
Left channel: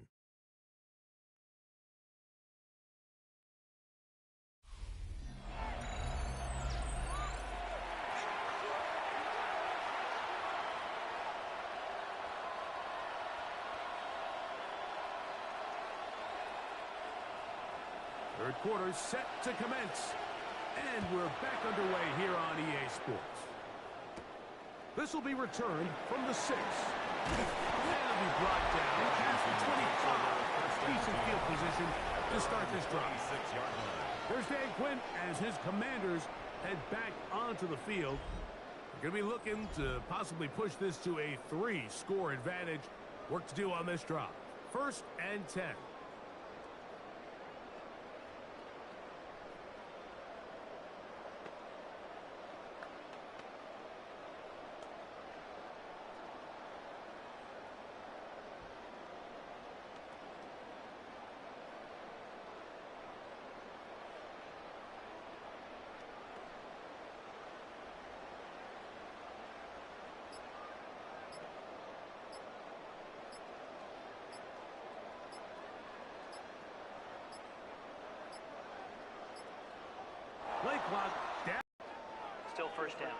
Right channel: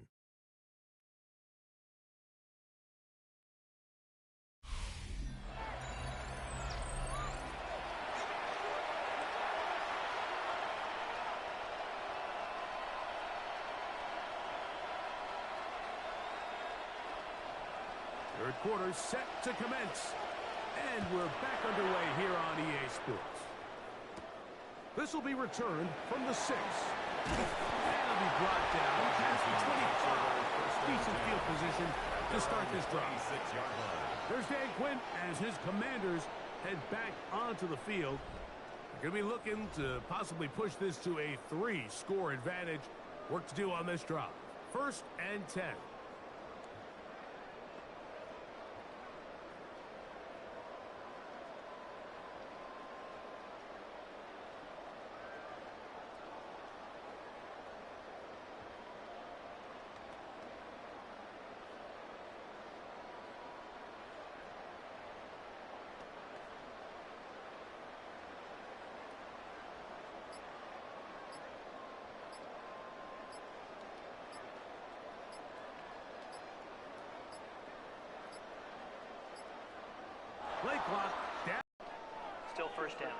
Third quarter set to commence. And we're back underway here on EA Sports. This will be returned from the 6. And it'll be brought down past the 25. Decent field position to start this drive. There's Dan Quinn as his Commanders head back onto the field. We're going to be looking to possibly push this to a 3-score advantage. Work to do on this drive. 1st and 10. Play clock down. Still first down.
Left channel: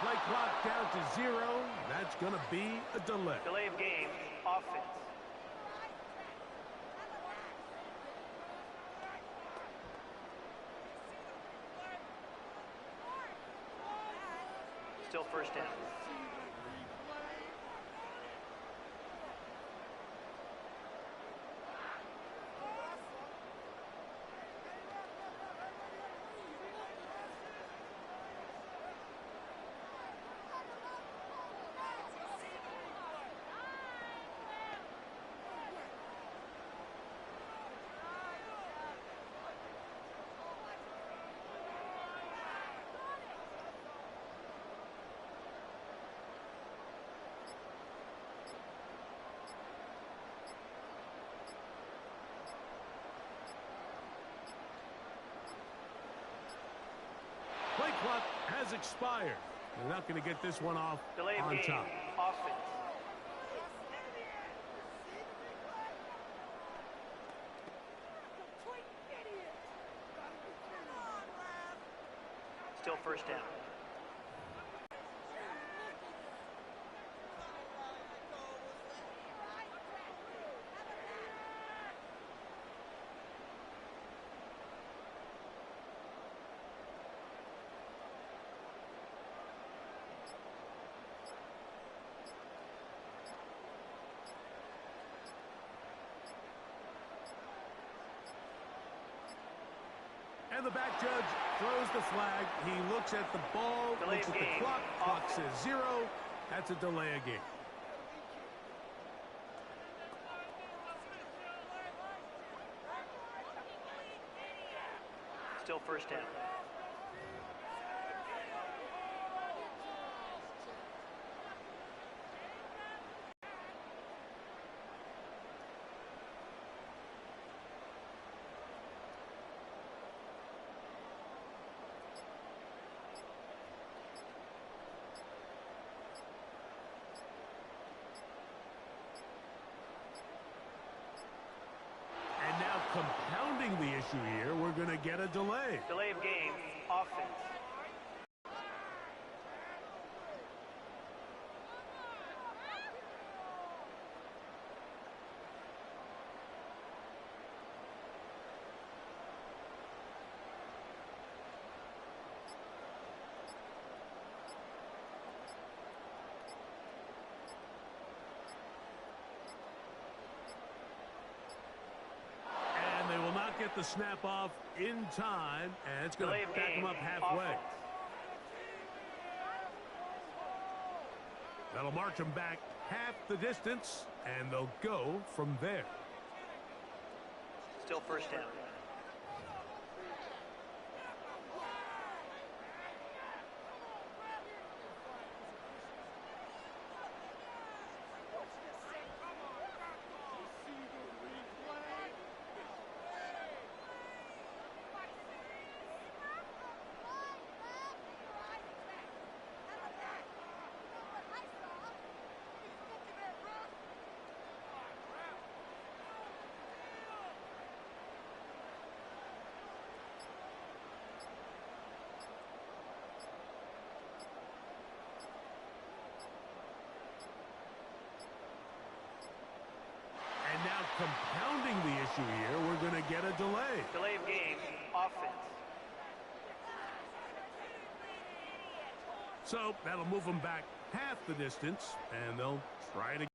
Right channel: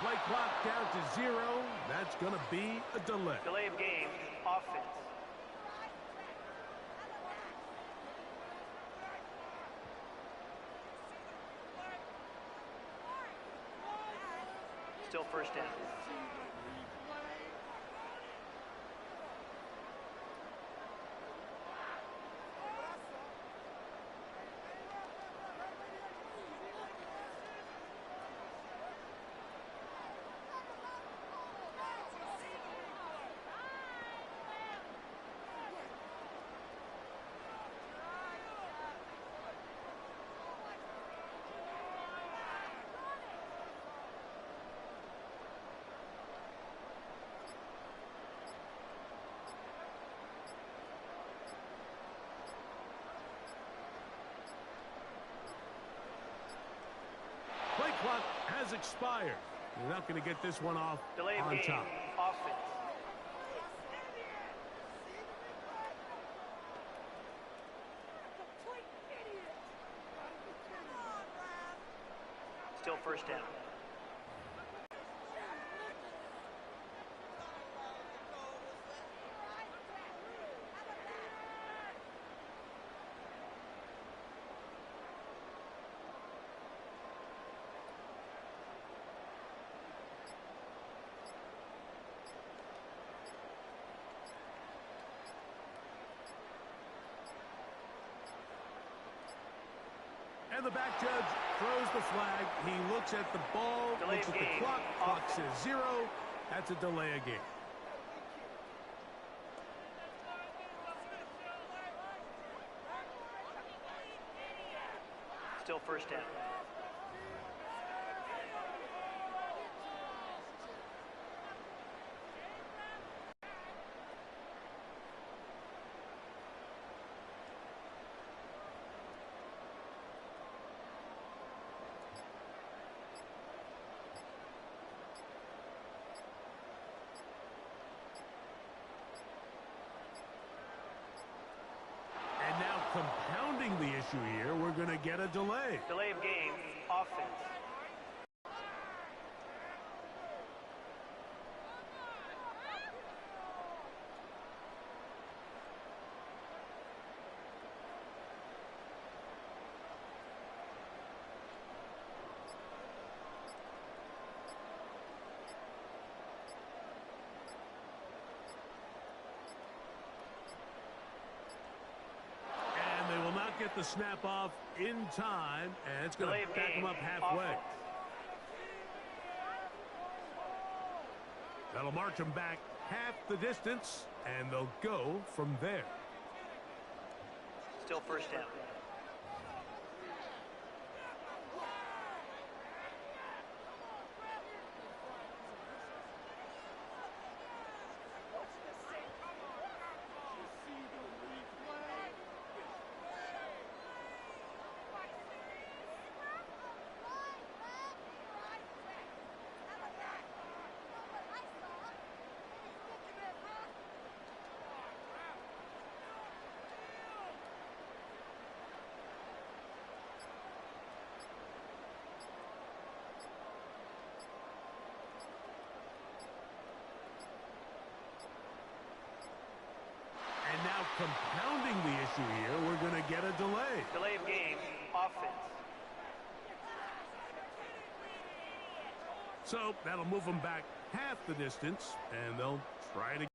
Play clock down to 0. That's going to be a delay. Delay of game, offense. Still first down. Play clock has expired. They're not going to get this one off Delay of on game. top. Offense. Still first down. And the back judge throws the flag. He looks at the ball, Delay looks of at the game. clock. Clock Offense. says 0. That's a delay of game. Still first down. And now compounding the issue here, we're going to get a delay. Delay of game. Offense. And they will not get the snap off in time, and it's going Delay to of back game. them up halfway. Offense. That'll march them back half the distance, and they'll go from there. Still first down. And now compounding the issue here, we're going to get a delay. Delay of game. Offense. So that'll move them back half the distance, and they'll try it again.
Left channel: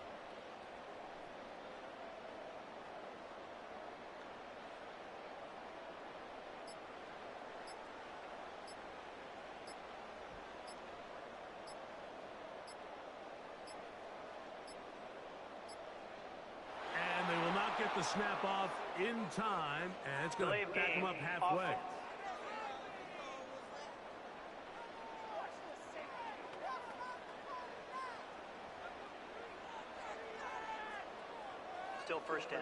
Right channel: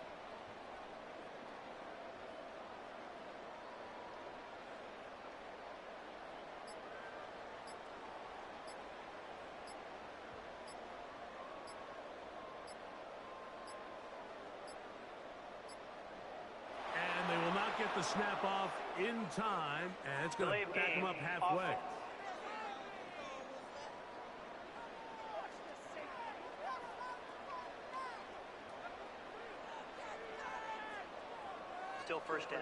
And they will not get the snap off in time, and it's going Delay to of back game. them up halfway. Offense. Still first down.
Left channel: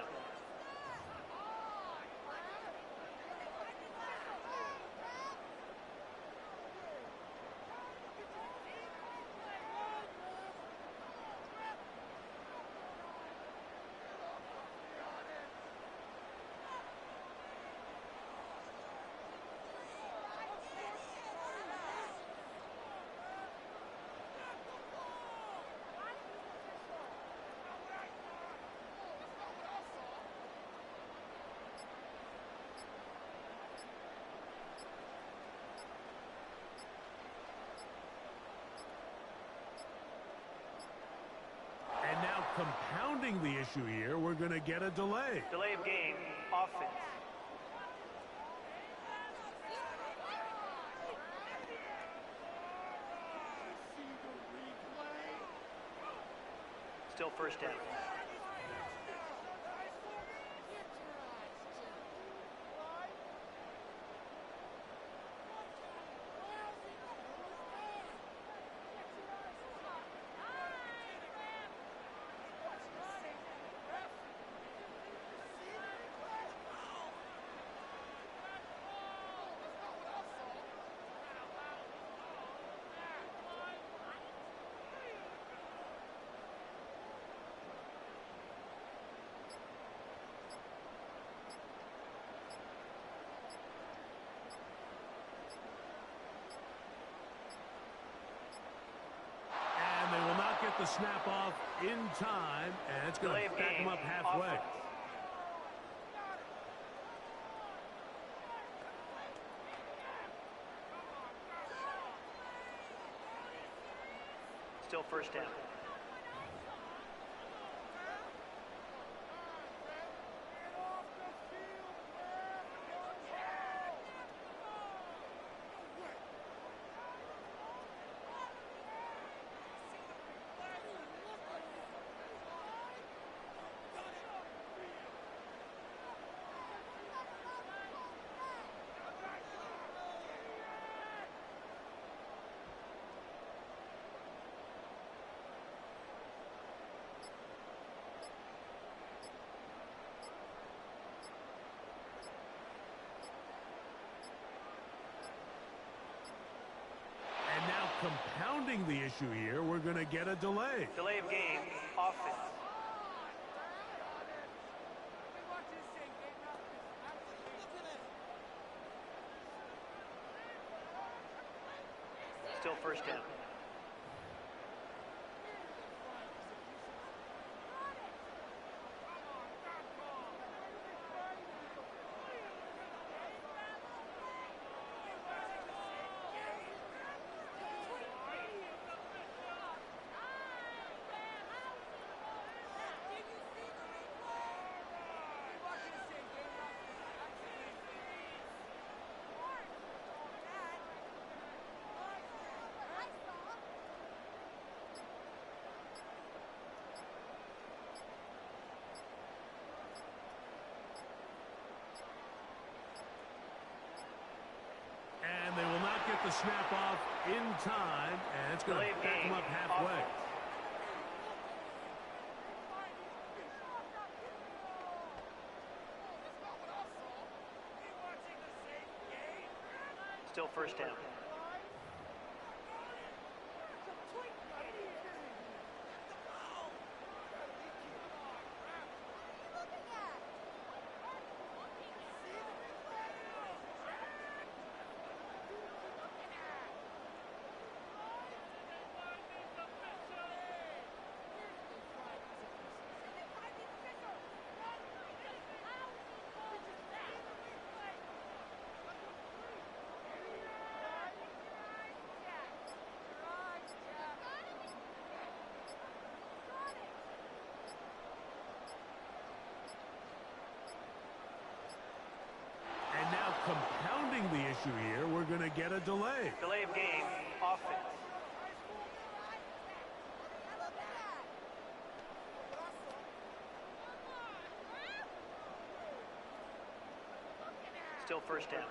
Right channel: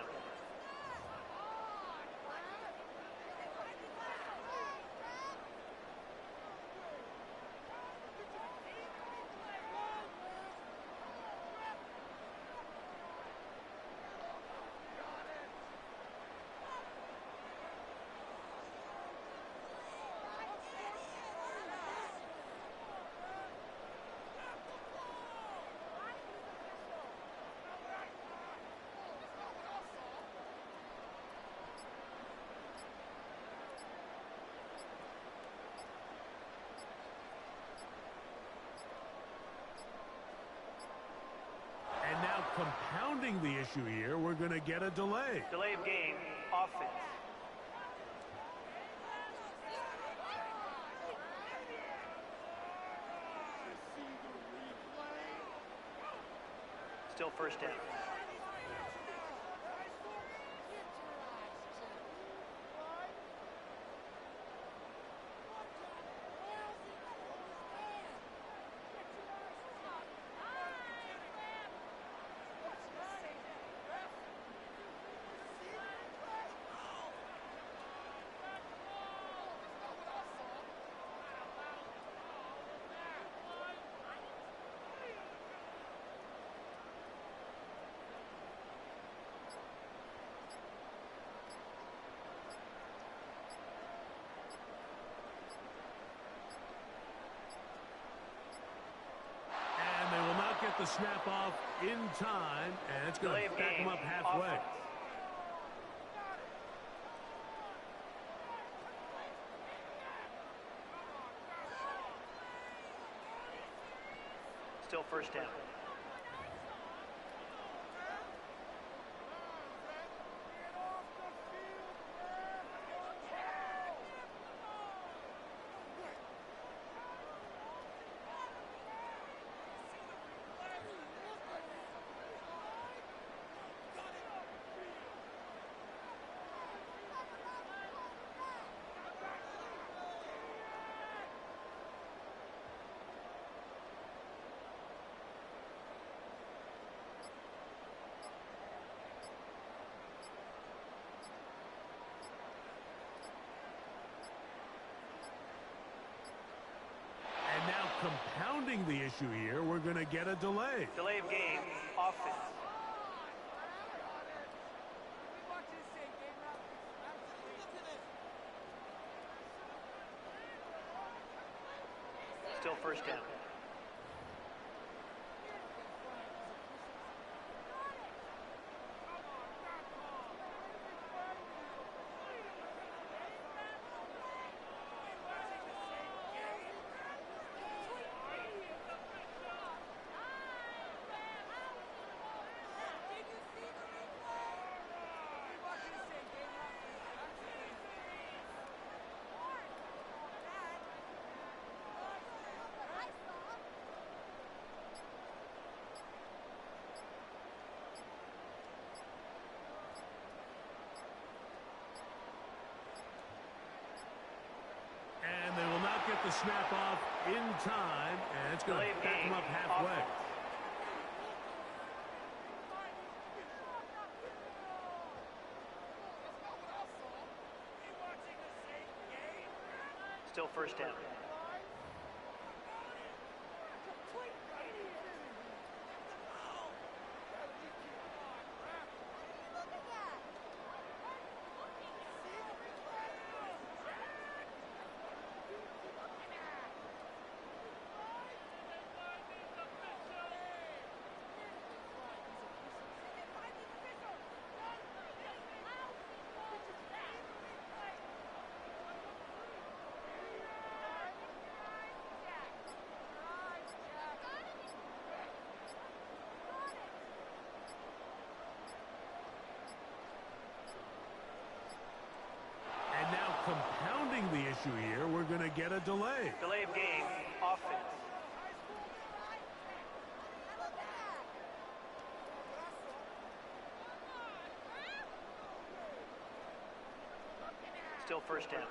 And now compounding the issue here, we're going to get a delay. Delay of game. Offense. Still first down. get the snap off in time, and it's going to back them up halfway. Offense. Still first down. And now compounding the issue here, we're going to get a delay. Delay of game. Offense. Still first down. And they will not get the snap off in time, and it's going to back them up halfway. Offense. Still first down. And now compounding the issue here, we're going to get a delay. Delay of game. Offense. Still first down.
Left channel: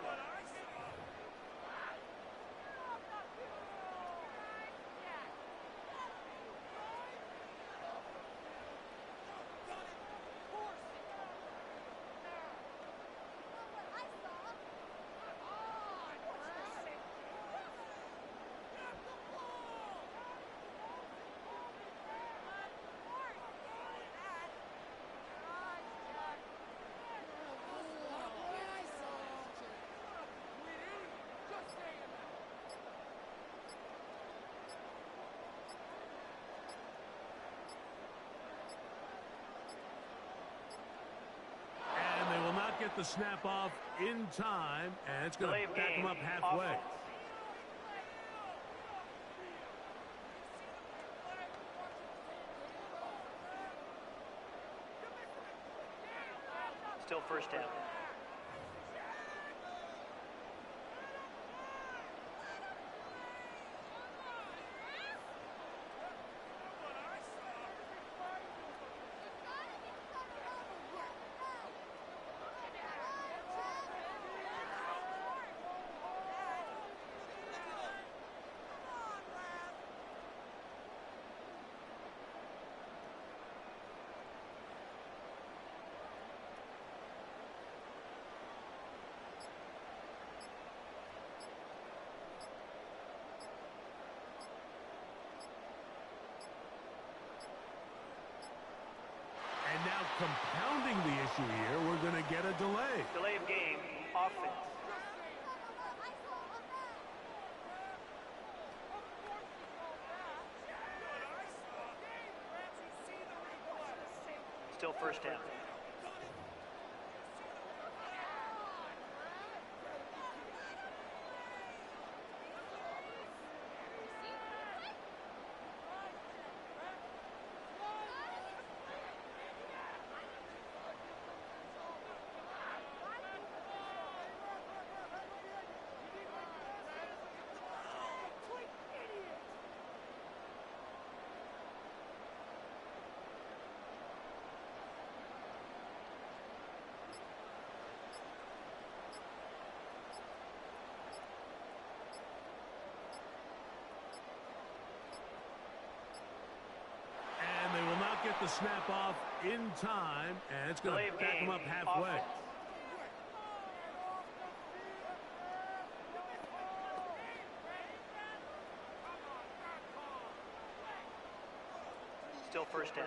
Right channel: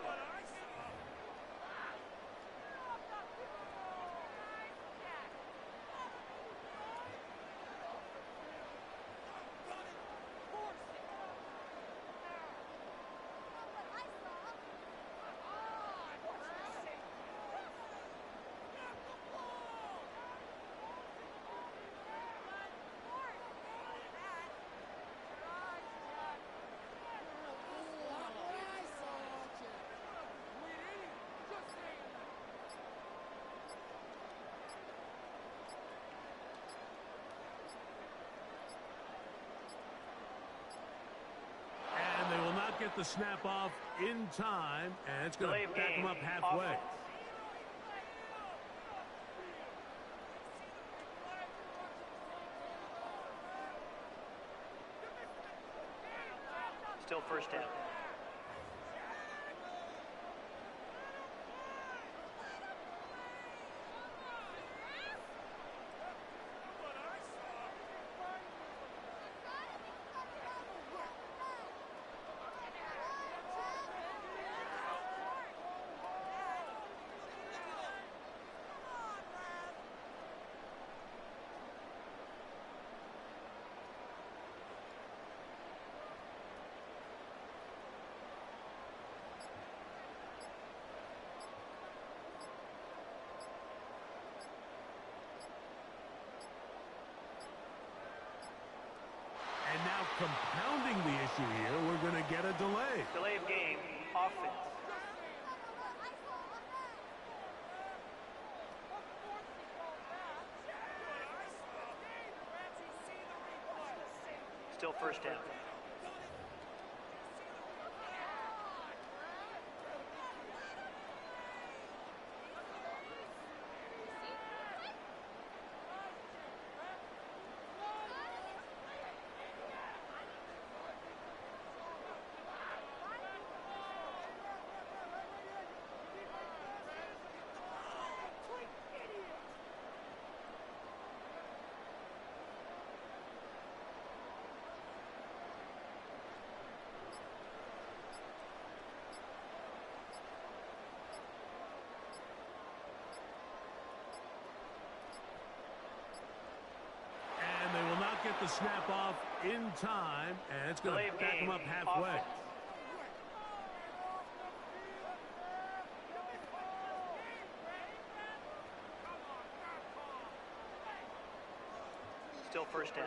And they will not get the snap off in time, and it's going Delay to of back game. them up halfway. Offense. Still first down. And now compounding the issue here, we're going to get a delay. Delay of game. Offense. Still first down. And they will not get the snap off in time, and it's going to back them up halfway. Offense. Still first down.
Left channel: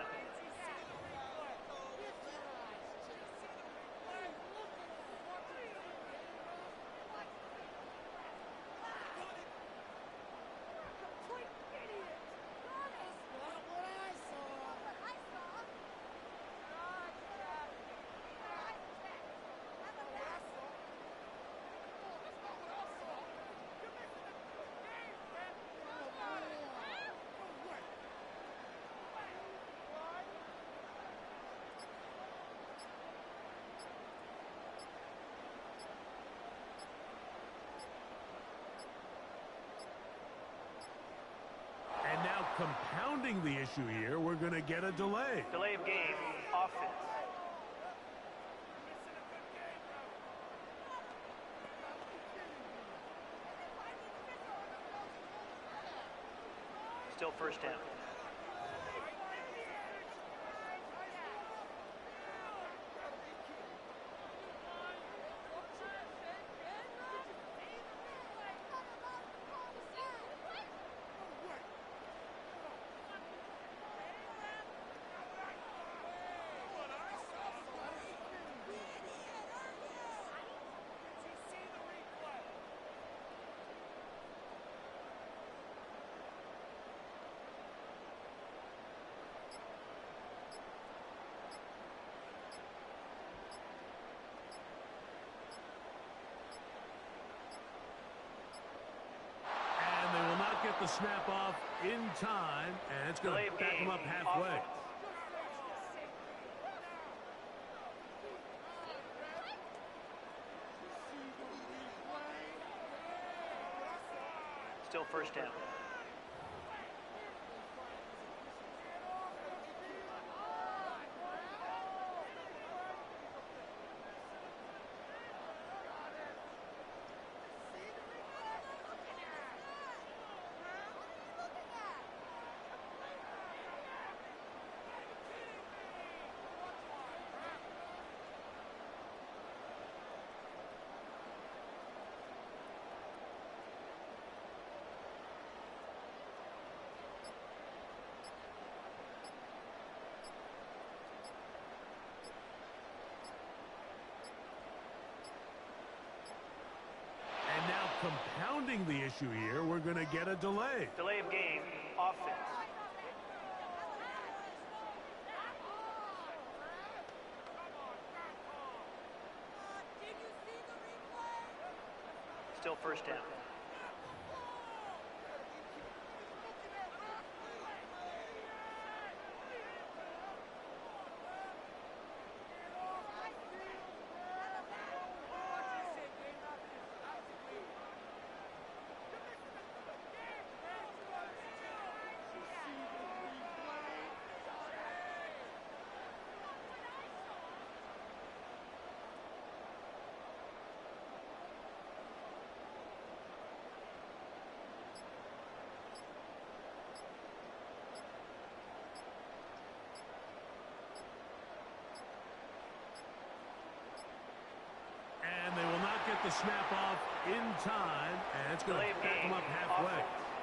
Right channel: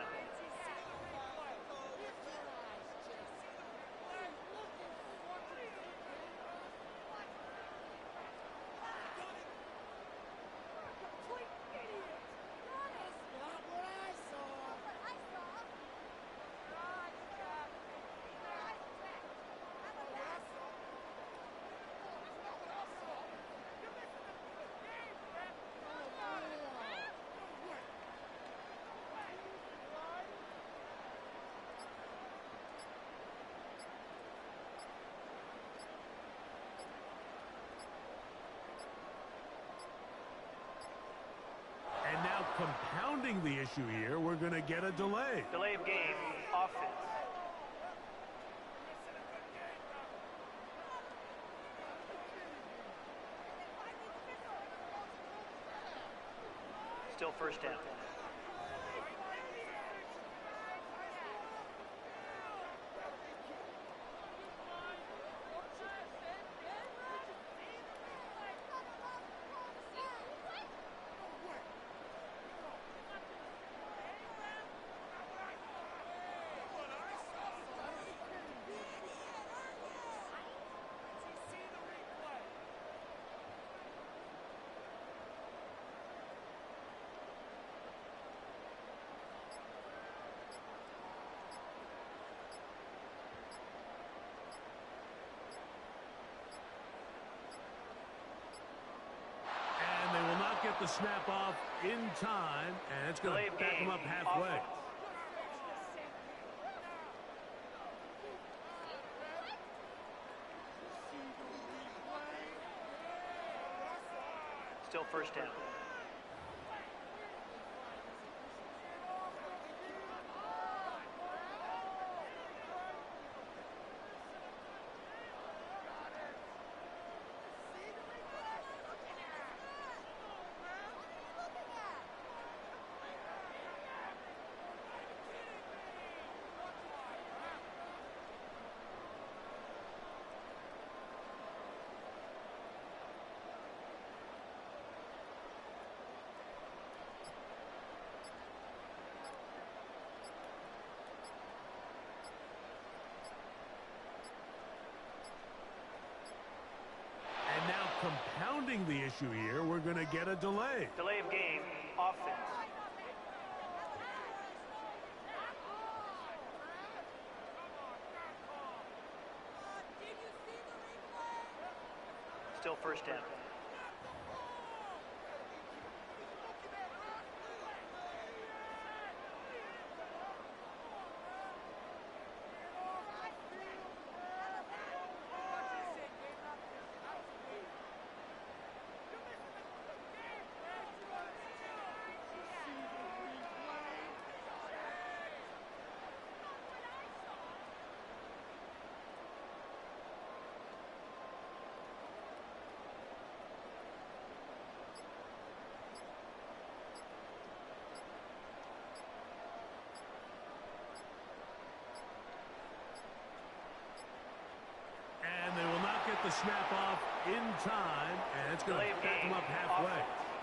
And now compounding the issue here, we're going to get a delay. Delay of game. Offense. Still first down. And they will not get the snap off in time, and it's going Delay to of back game. them up halfway. Offense. Still first down. And now compounding the issue here, we're going to get a delay. Delay of game. Offense. Still first down. And they will not get the snap off in time, and it's going Delay to of back them game. up halfway. Offense.